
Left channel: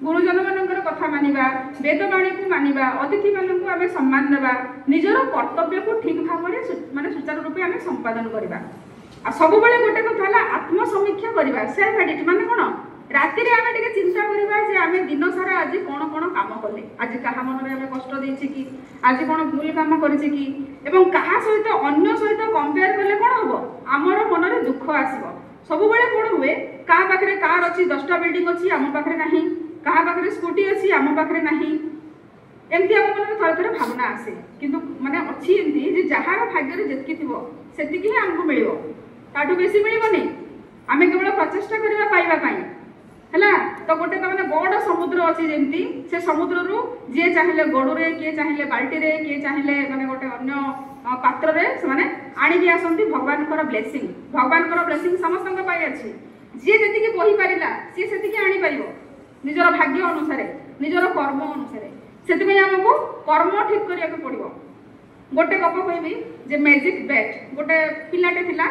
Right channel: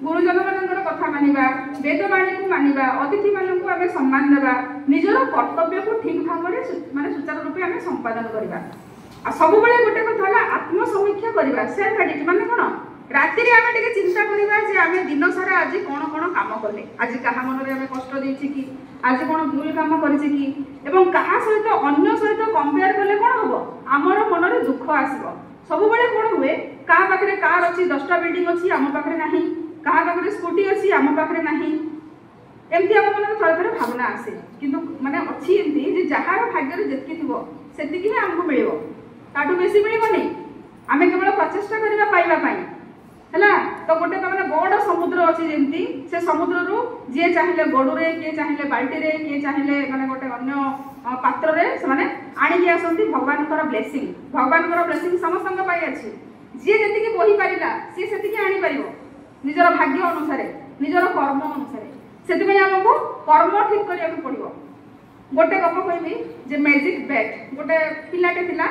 गुरुजन मान कथा मानिबा वेदवाणी को मानिबा अतिथि मानक आम सम्मान देवा निजर कर्तव्य को ठीक भाव में माने सुचारू रूपे आम संपादन करवा आ सब बेले गोटे कथा है आत्मसमीक्षा करवा सेल्फ एडिट माने कौन राति आम टे चिंता करवा जे आम दिन सारा आज कौन कौन काम कले आज क्या मन में कष्ट देछि कि आज कौन भूल काम करिछि कि एवं कहा सहित अन्य सहित कंपेयर कले कौन हम आमर मन में दुख आसब सब बेले कौन हुए क्या पाखे कार अच्छी 10टा बिल्डिंग अच्छी आम पाखे ना क्या पाखे स्कूटी अच्छी आम पाखे ना एमती आम मन थोड़े थोड़े भावना आसे किंतु माने अच्छी एमती जार भाग्य जितकी थी से आमको मिल ताठू बेसी मिलबनी आम केवल प्रचेषा करवा पाइबा है तो गोटे मैंने बड़ समुद्र अच्छी जमी से समुद्र रू जी चाहिए गड़ुरे किए चाहिए बाल्टी किए चाहिए मैंने गोटे अन्य पात्र से आणिकी आसती भगवान ब्लेसिंग समस्त अच्छी जी जी बही पारा सी से आनीपर निजर भाग्य अनुसार निजर कर्म अनुसार से आमको कर्म ठीक करने पड़ो गोटे गप कहबी जे मैजिक बैट गोटे पिलाटे थिला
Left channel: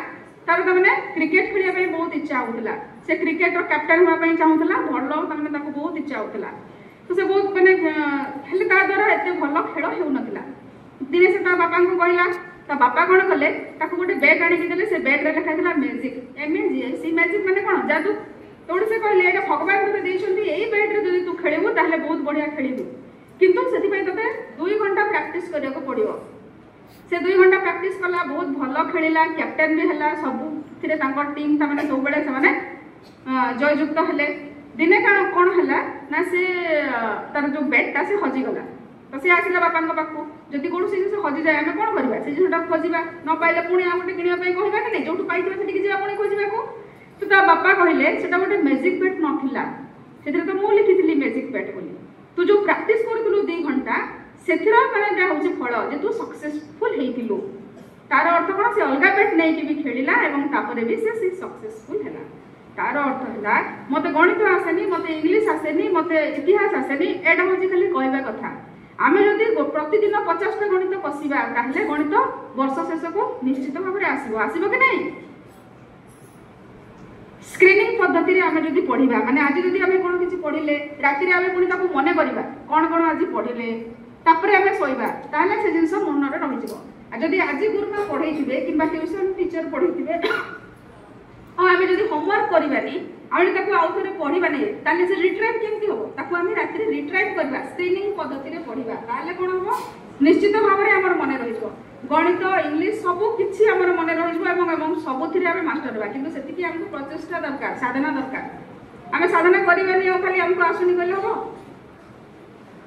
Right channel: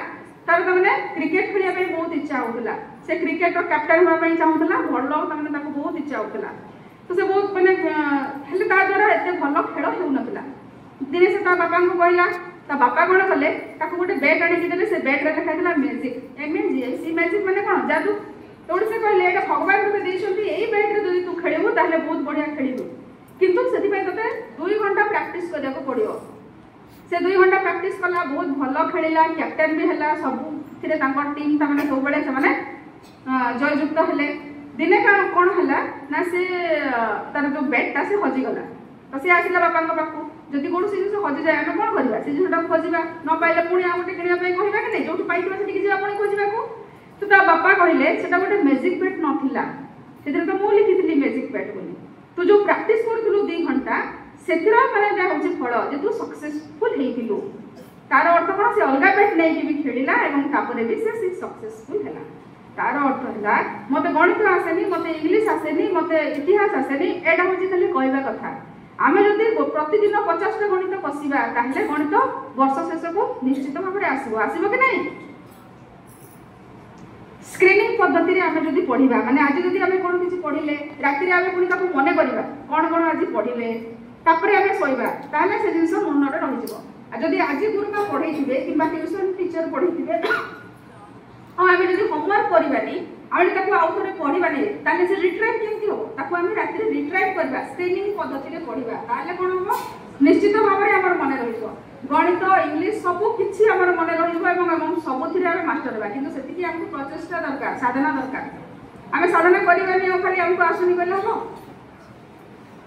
तार मैंने क्रिकेट खेलने बहुत इच्छा होता से क्रिकेट कैप्टेन होगा चाहूला भल बहुत इच्छा होता तो से बहुत मैंने द्वारा एत भल खेल होना दिने से बापा को कहला बापा कौन कले गोटे बैग आनिकी से बैग्रे लिखा मैजिक MAGIC मैजिक मैंने कौन जादू तो से कहले ये भगवान तुझे देखते यही बैट्रे जब तू खेलू ताहले बहुत बढ़िया खेलू किंतु से तेज 2 घंटा प्रैक्टिस करने को पड़ो से 2 घंटा प्रैक्टिस कला बहुत भल खेला कैप्टेन भी है सब टीम तमाने सब बेले से जययुक्त हेले दिने कौन है ना से तार जो बैगटा से हजिगला तो सी आसला बापा पाखु जदि कौन से जिन हजि जाए आम कौन करवा से जिनटा खोजा न पाइले पुणी आ गोटे किणा कहवा कि नहीं जो पाइबा से जा पुणी खोजा तो ता बापा कहले से गोटे मैजिक बैट नाला से तो मुझे लिखी मैजिक बैट बोली तू जो प्रैक्टिस करूँ 2 घंटा से मैंने हूँ फल जे तू सक्सेसफुल होइथिलु तार अर्थ कौन से अलग बैट नहीं भी खेला और भी से सक्सेसफुल है तार अर्थ है मत गणित आसेनी मत इंग्लीश आसेनी मत इतिहास आसेनी एटा हूँ खाली कहवा कथा आम जब प्रतिदिन 50टा गणित कषा ताहले गणित वर्ष शेष को निश्चित भाव में आसब कि नहीं स्क्रीनिंग पद्धति आम जब पढ़ा माने आज जब आम कौन किसी पढ़ले राति आम पुणी मन करवा कौन कौन आज पढ़ले तापर आम शोवा ताहले से जिनस मन में रही जदि आज गुरुमा पढ़े कि ट्यूशन टीचर पढ़े हाँ आम जब होमवर्क करानी आम आउ थे पढ़ानी ताले से रिट्राइव केमती हम आम राति रिट्राइव करवा स्क्रीनिंग पद्धति पढ़ा ताले कौन हम निश्चित भाव में आम मन रही गणित इंग्लीश सब किसी आम मन रही सबुथ मास्टर होगा कि से आमको प्रचेषा दरकार साधना दरकार आम साधना करानी खाली आमको आसुनी कले हम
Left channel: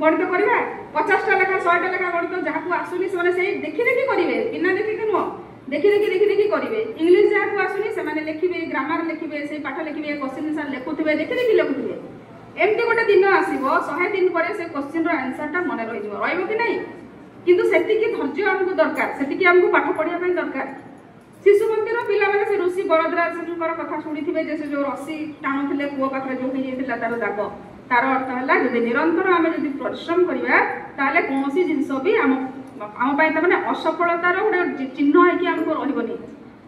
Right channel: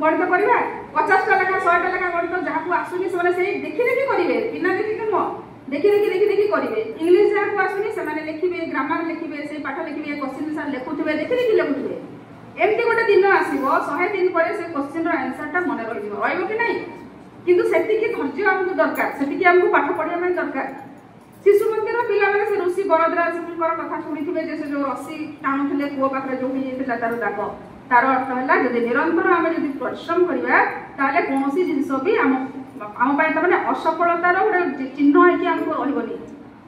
गणित करवा 50टा लेखा 100टा लेखा गणित जहाँ आसुनी से देखी देखी करेंगे बिना देखिक नुह देखी देखी करेंगे इंग्लीश जहाँ आसुनी से लिखे ग्रामर लिखे से पाठ लिखे क्वेश्चन आंसर लिखुवे देखी देखी लिखुवे एमती गोटे दिन आसो 100 दिन पर से क्वेश्चन आंसर मन रही कि नहीं किंतु सेति धैर्य आमको दरकार सेति आमको पाठ पढ़ा दरकार शिशु मंदिर पिला से ऋषि बलद्राज कथा शुणी से जो रसी टाणुले कूह पाखे जो तार दाग तार अर्थ है जब निरंतर आम जब परिश्रम करवा कौन जिनस भी आम तमाने असफलतार गोटे चिन्ह है रही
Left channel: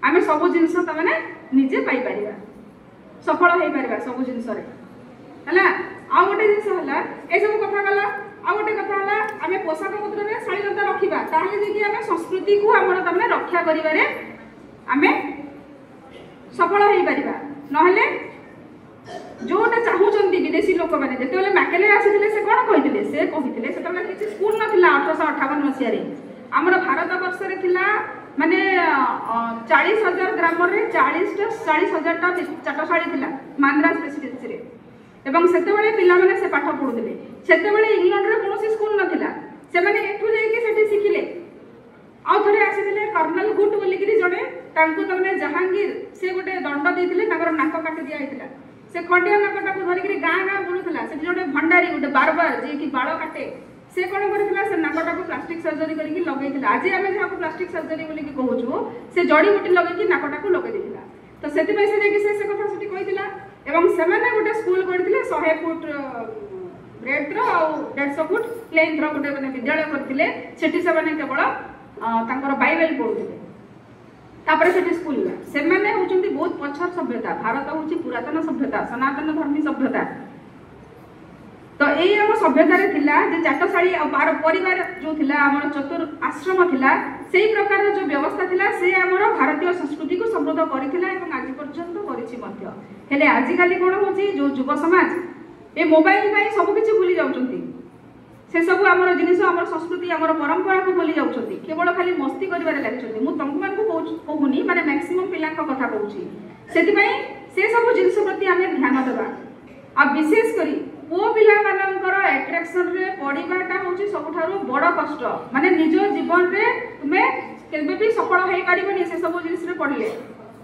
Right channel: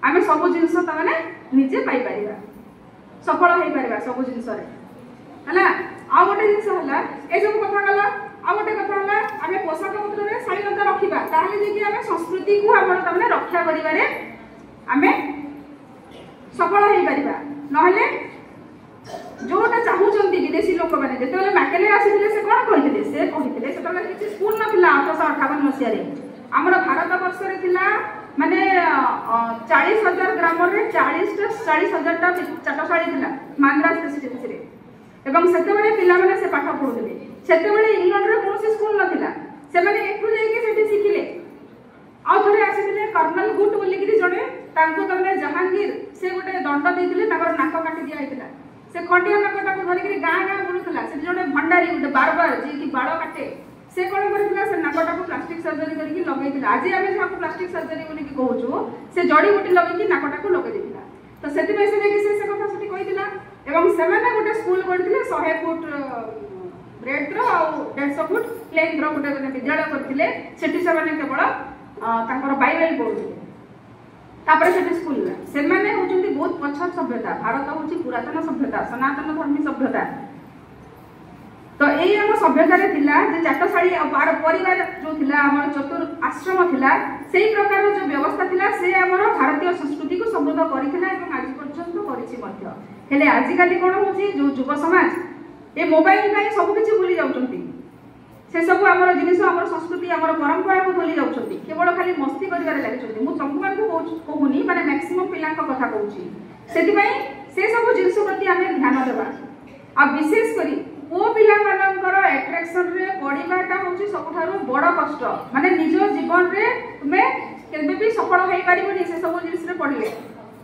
आम सब जिनस तमाने निजे पाइपर सफल हो पार सब जिनस है आ गोटे जिन है ये सब कथा गला आ गोटे कथा है आम पोशाक पत्र में शालीनता रखा ताकि आम संस्कृति को आम तमाने रक्षा करें आमे सफल हो पारिबा नहले जोटा चाहूचंती विदेशी लोक माने जेतेले मैकेले आसीथिले से कोन कहिथिले से कहिथिले सेतले किछि स्कूल नथिला 1858 मसिया रे हमर भारत वर्ष रे थिला माने 40000 ग्राम रे 40000 टा चाटशाळी थिला माद्रास प्रेसिडेंसी रे एवं सेतेबेले पिला माने से पाठ पढुथिले सेतेबेले इंग्लैंड रे कोनोसी स्कूल नथिला से माने एठु जाईके सेठी सिखिले आ थरे आसीथिले कर्नल गुट बोलिकिरी जणे तांको तमने जहांगीर से गोटे दंड देथिले ताकर नाक काटी दिया हेतिला से खंडिया नाकटा को धरिकरी गां गां बुलुथिला से जणे भंडारी गोटे बारबार जे कि बाळ काटे से कोन करथिला से नाकटा को प्लास्टिक सर्जरी करके लगैथिला आज आमे जाको प्लास्टिक सर्जरी बोली कि कहूछु से जड़ी बूटी लगै कि नाकटा को लगै देथिला तो सेति में से जे से कथा सठी कहिथिला एवं सेमाने गोटे स्कूल करथिले 100 फुट ब्रेड रो आ 150 फुट प्लेन रो गोटे माने विद्यालय करथिले सेठी से माने केवल तांकर बाइबल पढुथिले तापर से स्कूल से माने होचंती बहुत पछर सभ्यता भारत होची पुरातन सभ्यता सनातन धर्मी सभ्यता तो एई हम सभ्यता रे थिला जे चाटशाळी और परिवार जो थिला हमर चतुर आश्रम थिला सेही प्रकार जो व्यवस्था थिला से हमर भारतीय संस्कृति को समृद्ध करिथिला एवं आज पर्यंत करिछि मध्य हेले आजि काली कोन होची जो युवा समाज ए मोबाइल पई सब किछि भूली जाउचंती से सब आमर जिनिस आमर संस्कृति आमर परंपरा को भूली जाउछंती केवल खाली मस्ती करिवारे लागिछंती मु तंकुमान को कहूनी माने मैक्सिमम पिला को कथा कहूची सेति पई से सब जिनिस प्रति आमे ध्यान देबा आ विशेष करी पो पिला मानकर अट्रैक्शन रे पडिबाटा होची सबठारो बड़ कष्ट माने निज जीवन रे तुमे केबे भी सफल होई पारिबोनी से सब जिनिस रे पडले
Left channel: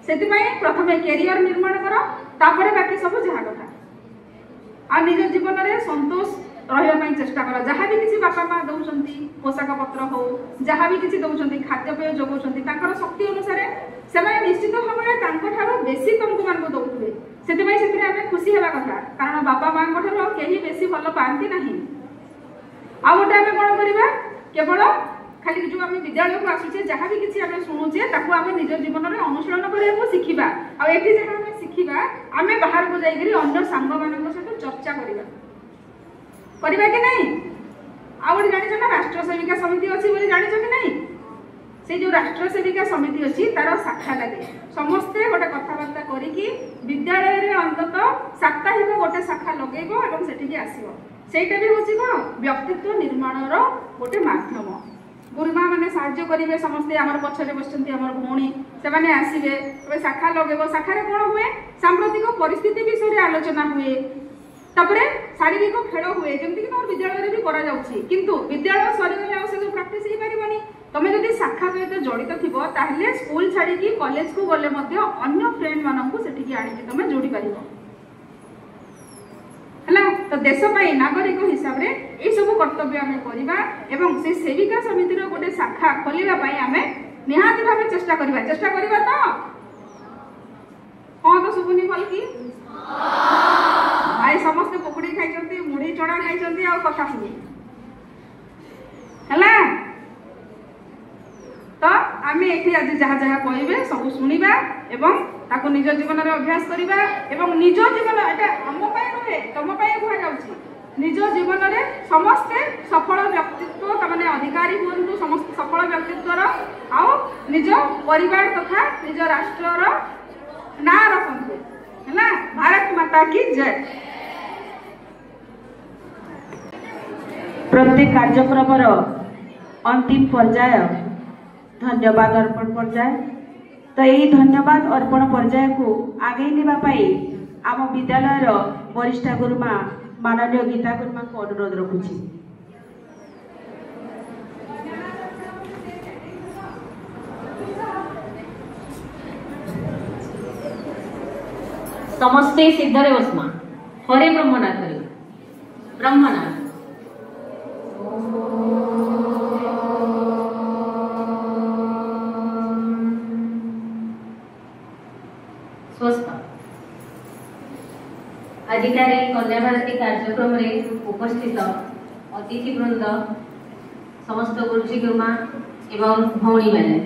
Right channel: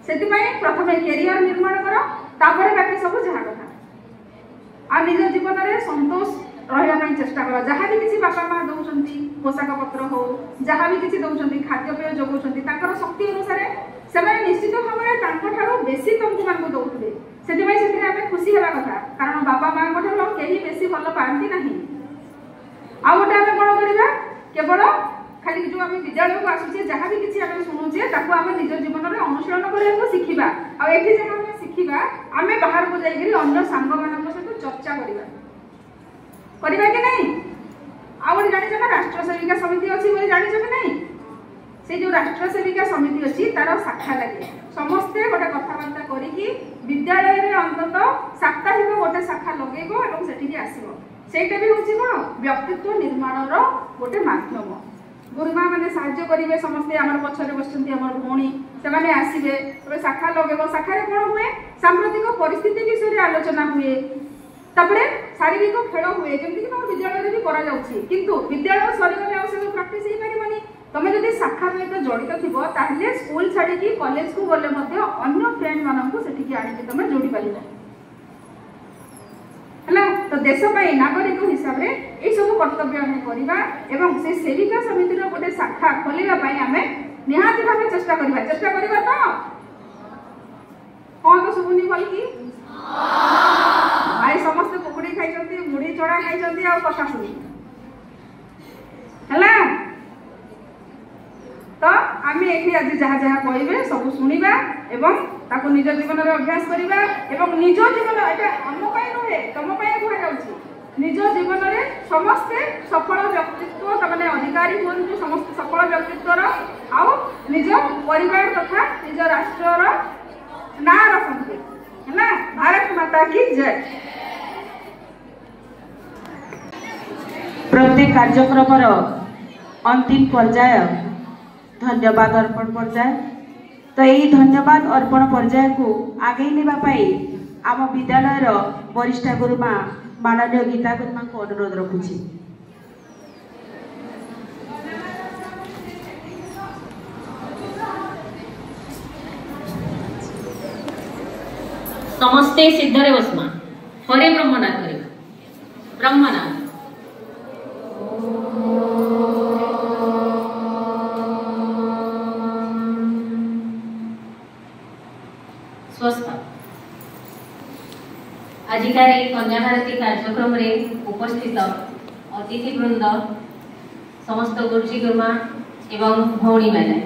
सेति पई प्रथमे कैरियर निर्माण करो तापर बाकी सब जहा कथा आ निज जीवन रे संतोष रहिबा ପାଇଁ चेष्टा करो जहाँ भी किसी बापा माँ दउचंती पोशाक पत्र हो जहाँ भी किसी दउचंती खाद्य पेय जोगउचंती ताकर शक्ति अनुसार से निश्चित भाव में तांको बेसी तुमको मान दउथबे सेति भाई सेति हमें खुशी हेबा कथा कारण बापा माँ को ठारो केही बेसी भल पांती नहीं आ गोटे हमें कोन करिबा केवल खाली जो हमें विद्यालय को आसुचे जहाँ भी किसी हमें सुनुचे ताको हमें निज जीवन में अनुशीलन करबा सिखिबा आ एठी जे हमें सिखिबा हमें बाहर को जाइगिरी अन्य सांग मानक सहित चर्चा करिबा परिबा कि नहीं आ गोटे जानि छ राष्ट्र सेविका समिति अछि बोली जानि छ कि नहीं से जो राष्ट्र सेविका समिति अछि तार शाखा लागे समस्ते गोटे कथाबार्ता करिकि विद्यालय रे अंततः साप्ताहिक गोटे शाखा लगेबो एवं सेठी के आसीबो सेटा भी होछि कोन व्यक्तित्व निर्माण रो गोटे माध्यम गुरुमा माने साहाय्य करिवे समस्ते हमर पछरे बसचंती हमर भौणी से माने आसीबे तबे शाखा लगेबो शाखा रे कोन हुए सांप्रतिक परिस्थिति विषय रे आलोचना हुए तापरे शारीरिक खेल हुए जमती कि विद्यालय भी करा जाउछि किंतु विद्यालय सरी गले आ से प्रैक्टिस ही पारिबनी तमे जदी शाखा सहित जड़ित थिबो ताहले स्कूल छाड़ी की कॉलेज को गले मध्य अन्य फ्रेंड माननको सेठी की आनी तमे जोड़ी पारिबो हला तो देश पई नागरिक हिसाब रे ए सब कर्तव्य हम करिबा एवं से सेविका समिति रो गोटे शाखा खोलिबा पई हमें निहाती भाबे चेष्टा करिबा तो कोन तो सुबुनी बोल की भाई समस्त पकड़ी खाइचंती मुड़ी चोड़ा खाइचंती आ कथा सुनी हला तो आमे एठी आज जहा जहा कहिबे सब सुनिबा एवं ताको निज जीवन रे अभ्यास करिबा एवं निज जीवन एटा हम पय रहे तम पय कहा जाउची निज जीवन रे समस्त सफल व्यक्तित्व तमाने अधिकारी हुंतु समस्त सफल व्यक्तित्व रो आ निज परिवार तथा निज राष्ट्र रो ना रखंती है ना भारत माता की जय। प्रत्येक कार्यक्रम अंतिम पर्याय धन्यवाद अर्पण पर्याय तो यही धन्यवाद अर्पण पर्याय को आगे नेबा पाई आम विद्यालय वरिष्ठ गुरुमा माननीय गीता गुरुमा को अनुरोध रखुछि। समस्ते सिद्धरे बसमा हरे ब्रह्मनाथ करे ब्रह्मनाम। स्वस्थ आजिकार कन्या भारती कार्यक्रम रे उपस्थित अतिथि वृंद, समस्त गुरुजी गुरुमा एवं भौणी मैंने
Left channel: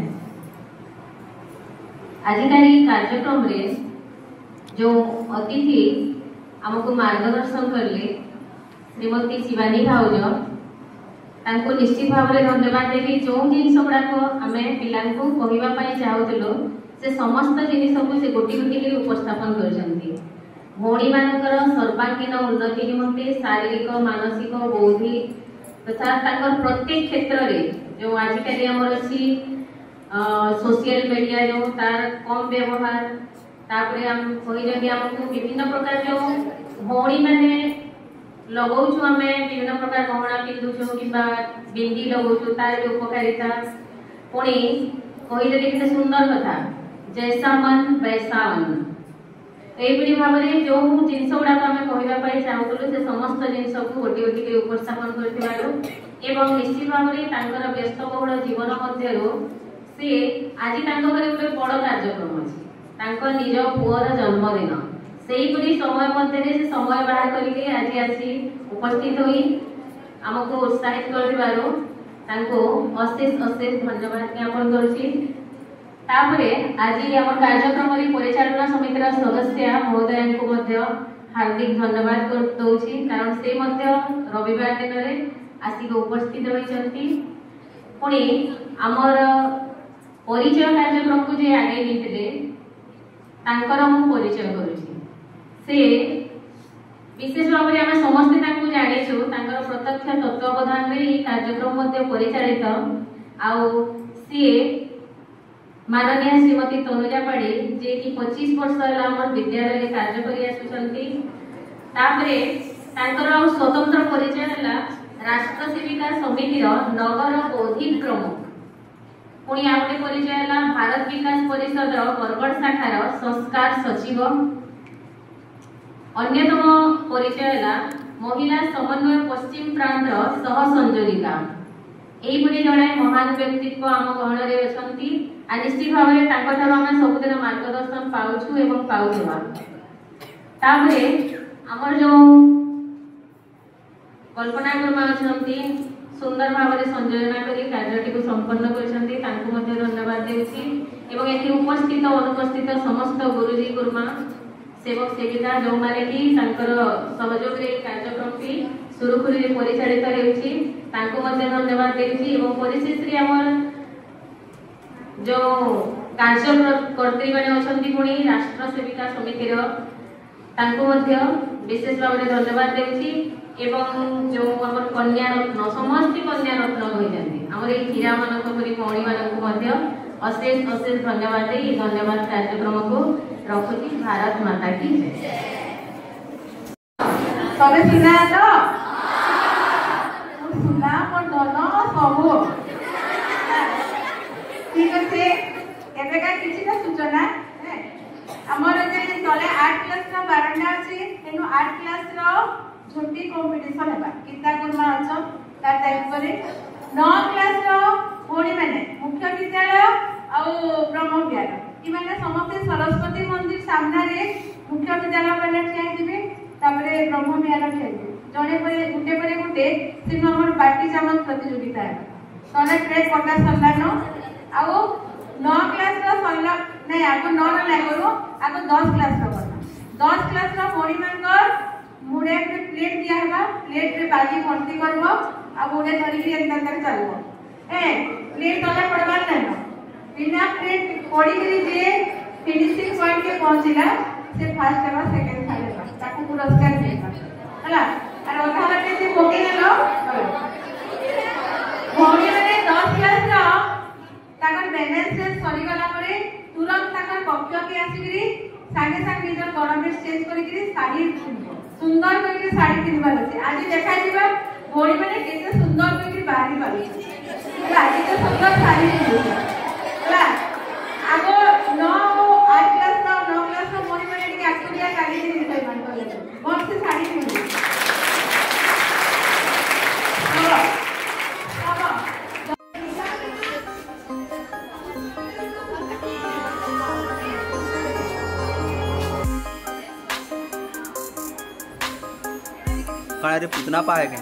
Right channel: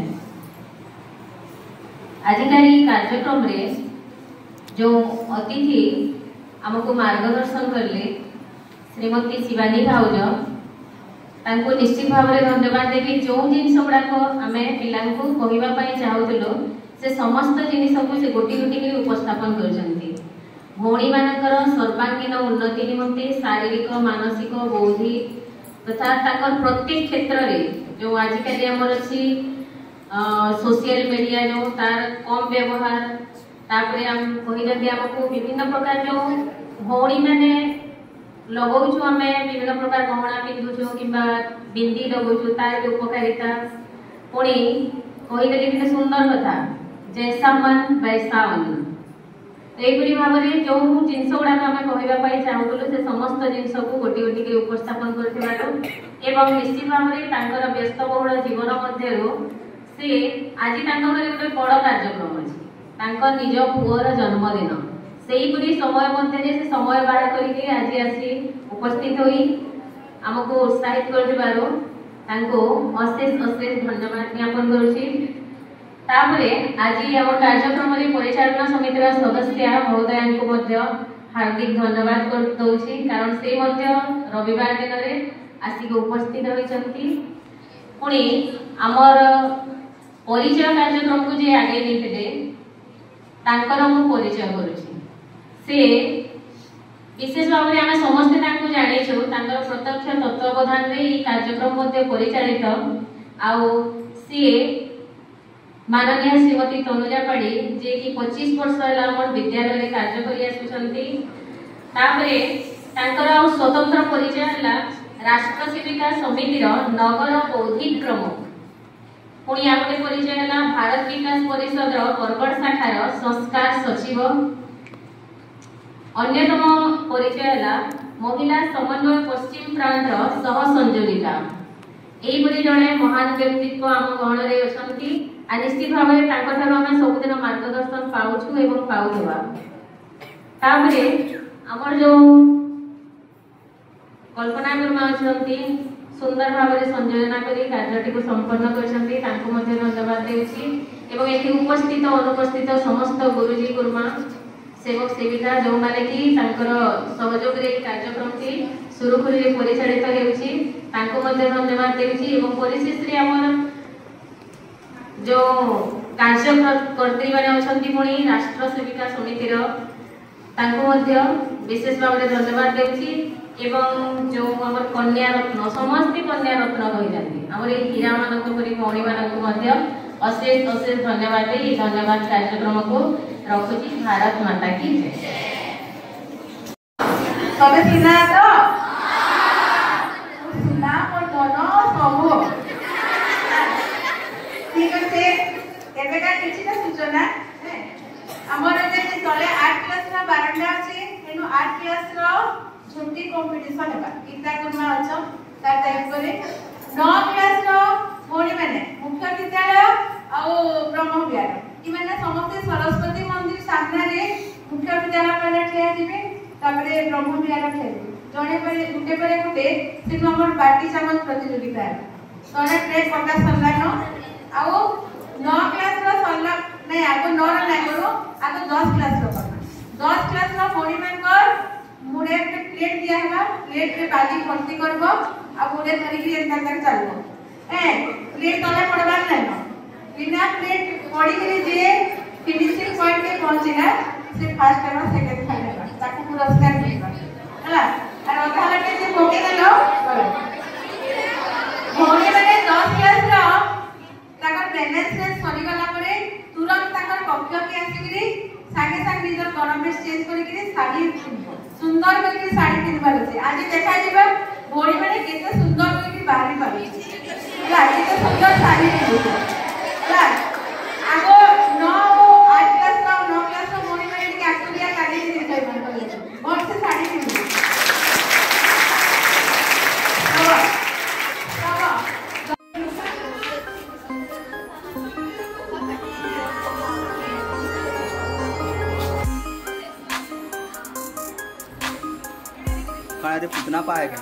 आजिकार कार्यक्रम रे जो अतिथि आमको मार्गदर्शन करले श्रीमती शिवानी भाउज, तांको निश्चित भाव में धन्यवाद देवी। जो जिनस गुड़ाक आम पिला कहवाई चाहूलु से समस्त जिनिस को से गोटी गोटी उपस्थापन करछंती। भौणी मानकर सर्वांगीन उन्नति निमंते शारीरिक, मानसिक, बौद्धिक तथा ताकर प्रत्येक क्षेत्र में जो आजिकल आमर अच्छी सोशल मीडिया जो तार कम व्यवहार, तापरे हम कही आमको विभिन्न प्रकार जो भौणी मैंने लगाऊँ आम विभिन्न प्रकार गहना पिंधुचु कि बिंदी लगाऊँ तार भी उपकारिता पुणी कहीदेली केते सुंदर कथा जैसा मन वैसा अन्न। यही भाव में जो जिनस गुड़ाक आम कहवाई चाहूलु से समस्त जिनस को गोटी गोटी उपस्थापन कर निश्चित भाव में व्यस्तबहुल जीवन मध्य से आज गोटे बड़ कार्यक्रम अच्छी निज पुअर जन्मदिन से समय मध्य से समय बाहर करके आज आसी उपस्थित हुई आमको उत्साहित कर अशेष अशेष धन्यवाद ज्ञापन करुच्ची। आज आम कार्यक्रम परिचालना समिति सदस्य महोदय को हार्दिक धन्यवाद दूसरी, कारण से रविवार दिन में आसिक उपस्थित होती। पुणी आमर परिचय कार्यक्रम को जे आगे नहीं परिचय करुच्ची से विशेष भाव में आम समस्ते जानीचु प्रत्यक्ष तत्वावधान में कार्यक्रम परिचालित सी माननीय श्रीमती तनुजा पाड़ी जे कि 25 वर्ष है विद्यालय कार्य कर स्वतंत्र परिचय है राष्ट्र सेविका समिति नगर बौद्धिक प्रमुख। पुणी आउ गोटे परिचय है भारत विकास परिषद बरगढ़ शाखार संस्कार सचिव। अन्यतम परिचय है महिला समन्वय पश्चिम प्रांत सह संयोजिका। यही जड़े महान व्यक्तित्व आम गहन में अच्छा निश्चित भाव में आम सबुदिन मार्गदर्शन पाऊँ एवं पाऊवा। आमर जो कल्पना गुरुमा अच्छा सुंदर भाव में संयोजना कर कार्य को संपन्न कर धन्यवाद देती। उपस्थित अनुपस्थित समस्त गुरुजी गुरुमा सेवक सेविका जो मैंने कि सहयोग कार्यक्रम टी सुरुखुरी परिचालित होती धन्यवाद देती। परिशेष आम जो कार्यकर्त्री मैंने अच्छा पुणी राष्ट्र सेविका समिति विशेष भाव में धन्यवाद देती। जो आम कन्या रत्न समस्त कन्या रत्न कही आम हीरा मानक भौणी मानक अशेष अशेष धन्यवाद दे धन्यवाद कार्यक्रम को रखुची। भारत माता की तबे सुना तो सुना पर दोनो सब ठीक আছে এবেকা কিছুটা সূচনা আমার যে তলে 8 ক্লাস রা বারান্ডা আছে এনু 8 ক্লাস র ঝুটি কম্পিটিশন হেবা গীতা গুরমা আছো তার টাইপ করে 9 ক্লাস র ভৌणी মানে মুখ্য বিদ্যালয় ଆଉ ବ୍ରହ୍ମ ବିହାର ଇମାନେ ସମସ୍ତେ ସରସ୍ୱତୀ ମନ୍ଦିର ସାମ୍ନାରେ ମୁଖ୍ୟ ବିଦ୍ୟାଳୟ ମାନେ ଠିଆ ହେବେ ତାପରେ ବ୍ରହ୍ମ ବିହାର ଠିଆ ହେବେ ଜଣେ ପରେ ଗୁଟେ ସେନୁ ଆମର ବାଟି ଚାମଚ ପ୍ରତିଯୋଗିତା ହେବା ତଳେ ପ୍ଲେଟ୍ ପଟା ସନ୍ଧାନ ଆଉ 9 क्लास रो सरला नहीं आगो 9 रो नहीं करो आगो 10 क्लास रो करना 10 क्लास रो भौणी मानकर मुड़े पे प्लेट दिया हैबा प्लेट रे बाजी भर्ती करबो आ मुड़े धरि के एंता तक चलबो प्लेट तले पड़बा नहीं बिना प्लेट पड़ी के जे फिनिशिंग पॉइंट के पहुंचीला से फर्स्ट हेबा सेकंड हेबा ताको पुरस्कार देबा हला और अधारा के जे पोके देलो भौणी माने 10 क्लास रो ताकर बैलेंस रे सरी गला परे तुरंत ताकर कक्ष के आसीकरी सागे सागे निजर गरमेंट चेंज करिकरी साड़ी सुंदर करिकरी साड़ी पिनबार अछि आज देखा जिबा भौणी माने केते सुंदर करिकरी बाहरी पाबे आज तो सुंदर साड़ी पिनबा आगो 9 8 क्लास ना 9 क्लास रो भौणी माने के आसुरिया साड़ी पिनबे मान करले बहुत से साड़ी पिनबे काळे रे पुतना पाए के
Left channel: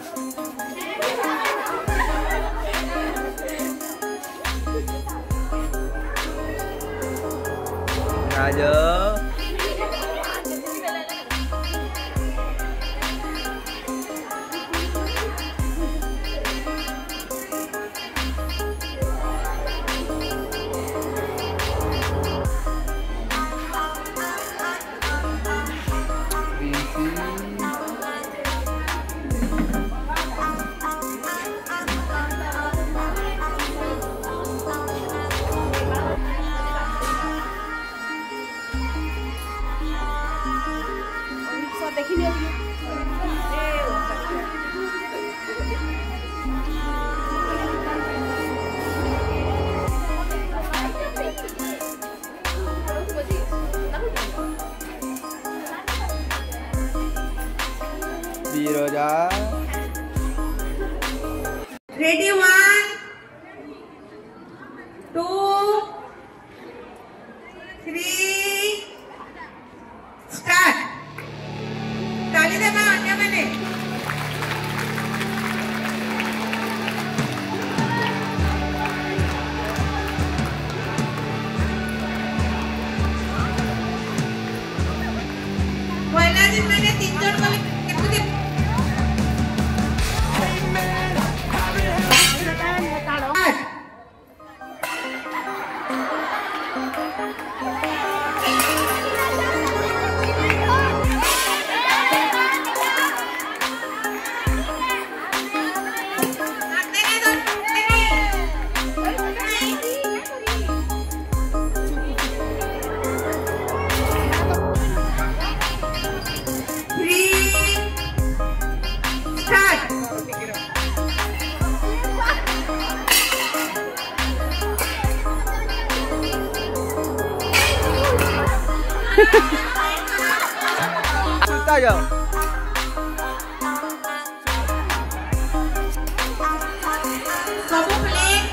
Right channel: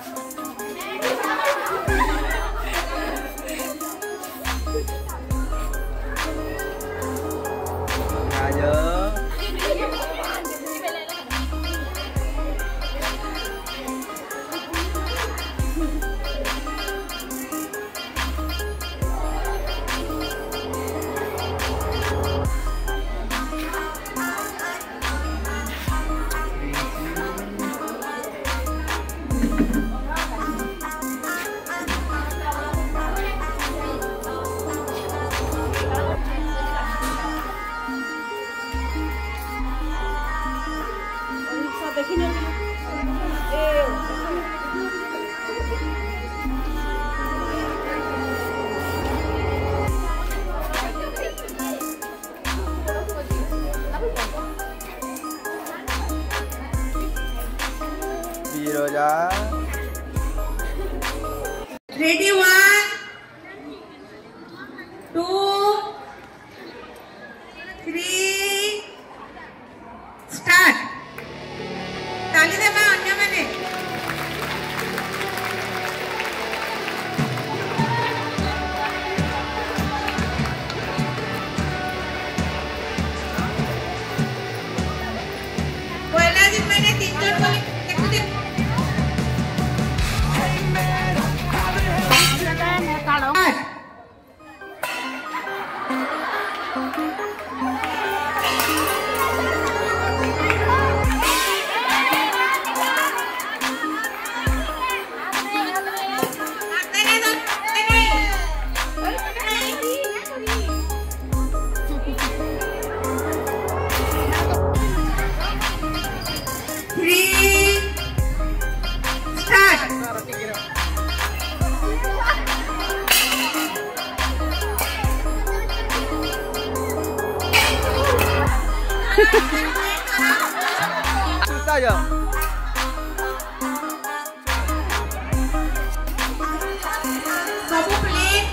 राजा Biroja. Ready, 1, 2, 3, start. ताली दे मैं अन्य मैंने पहला दिन मैंने 3 जन बोले देखो दे Tayo. Satu plate.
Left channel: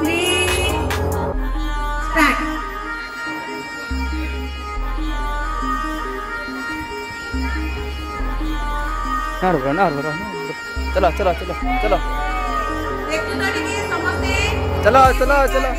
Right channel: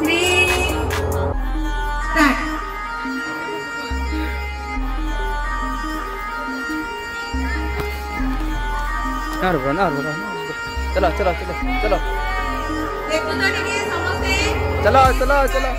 3. Start. चलो चलो चलो चलो देखो तो ठीक है समझते चलो चलो चलो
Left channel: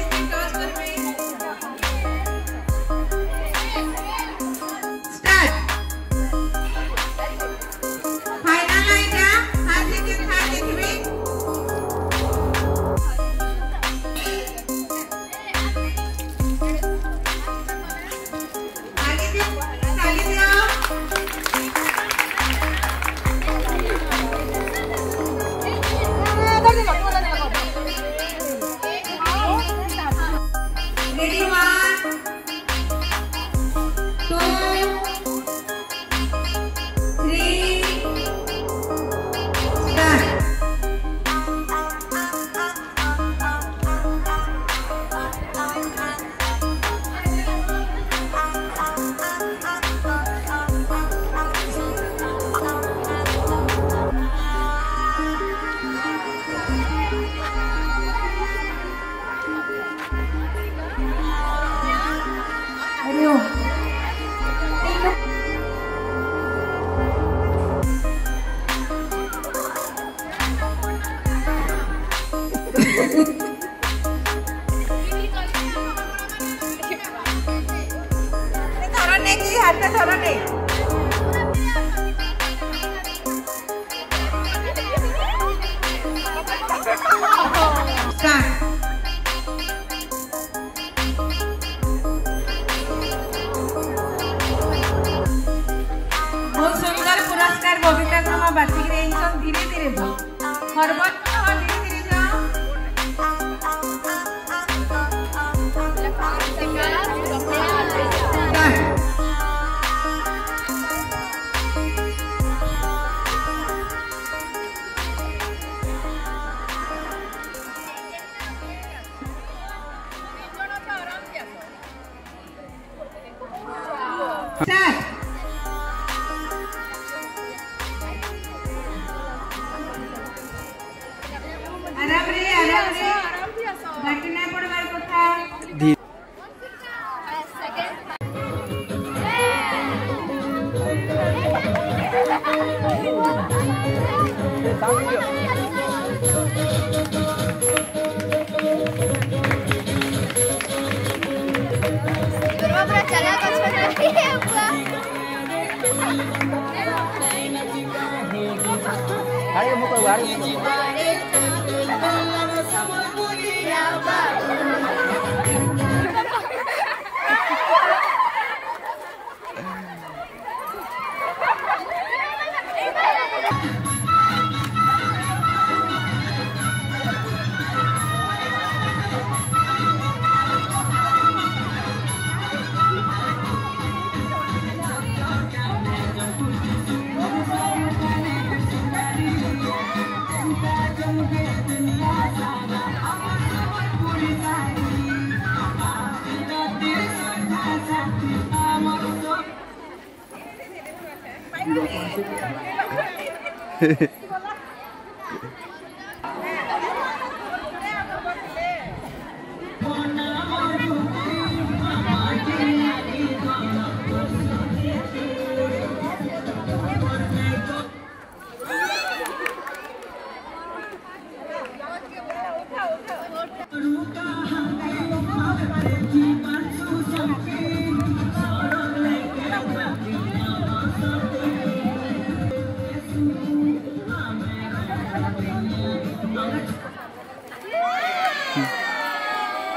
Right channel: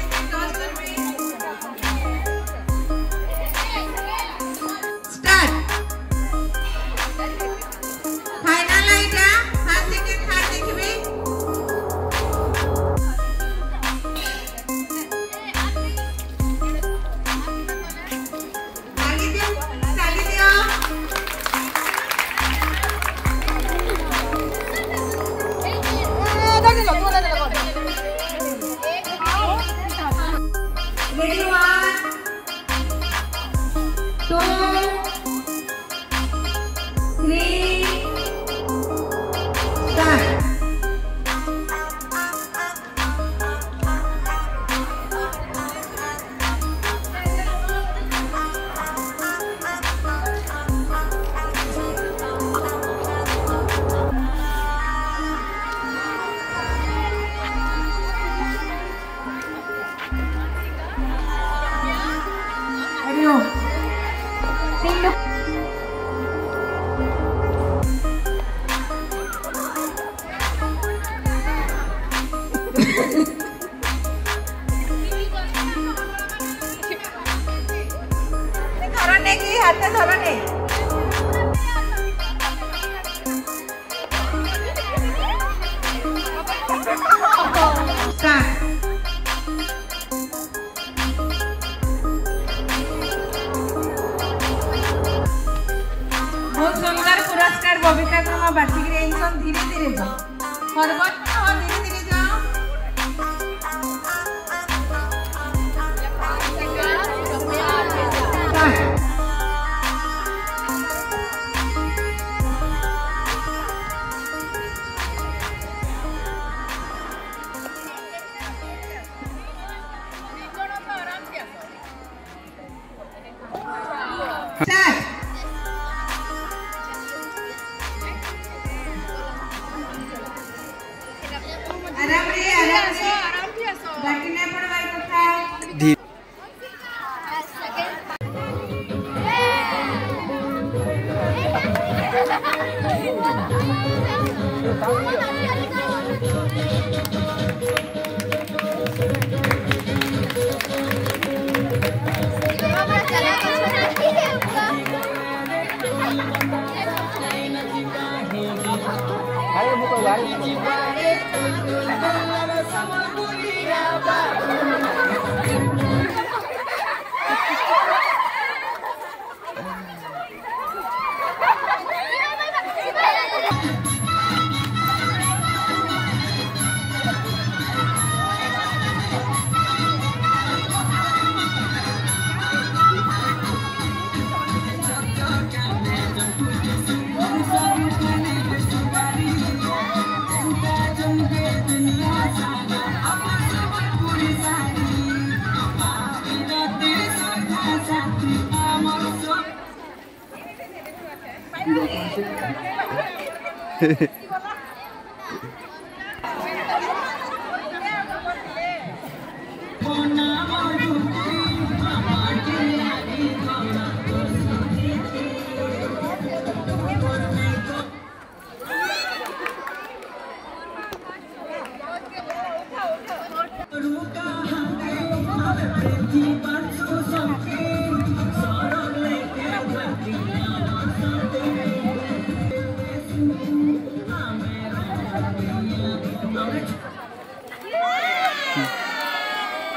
Ready, 1, 2, 3, start. धरने की हाथ में धरने स्टार्ट बहुत सुंदर पुरस्कार बबीता गुरुमा बाटी धीरे धीरे जाओ धीरे धीरे जाओ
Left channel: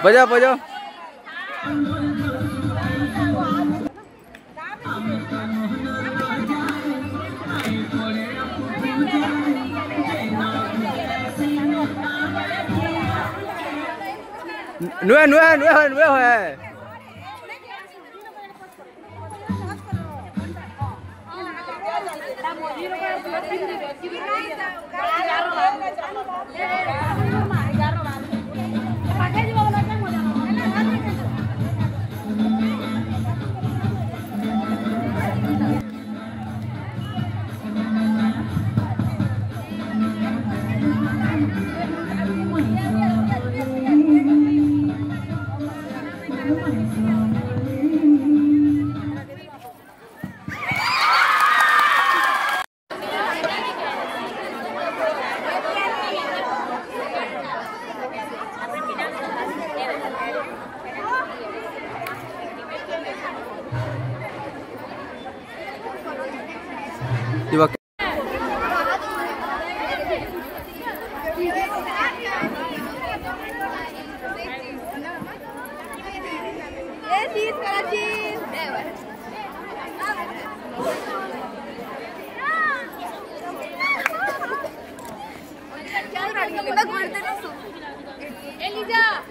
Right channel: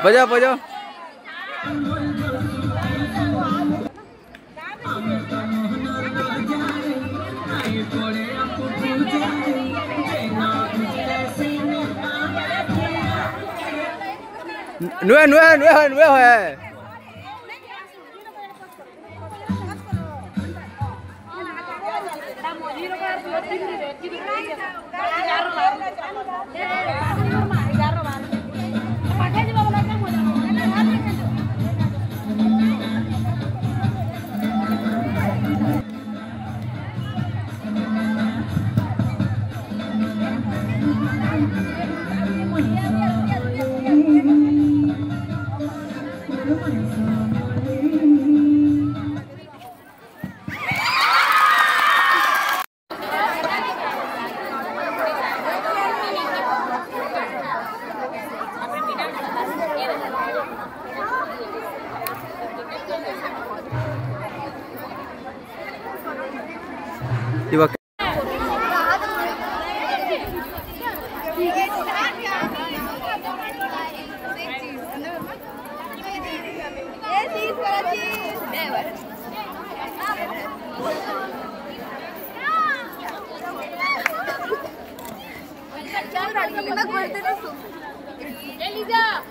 बजाओ बजाओ नुए नुए नुए नुए है 이거 Elisa,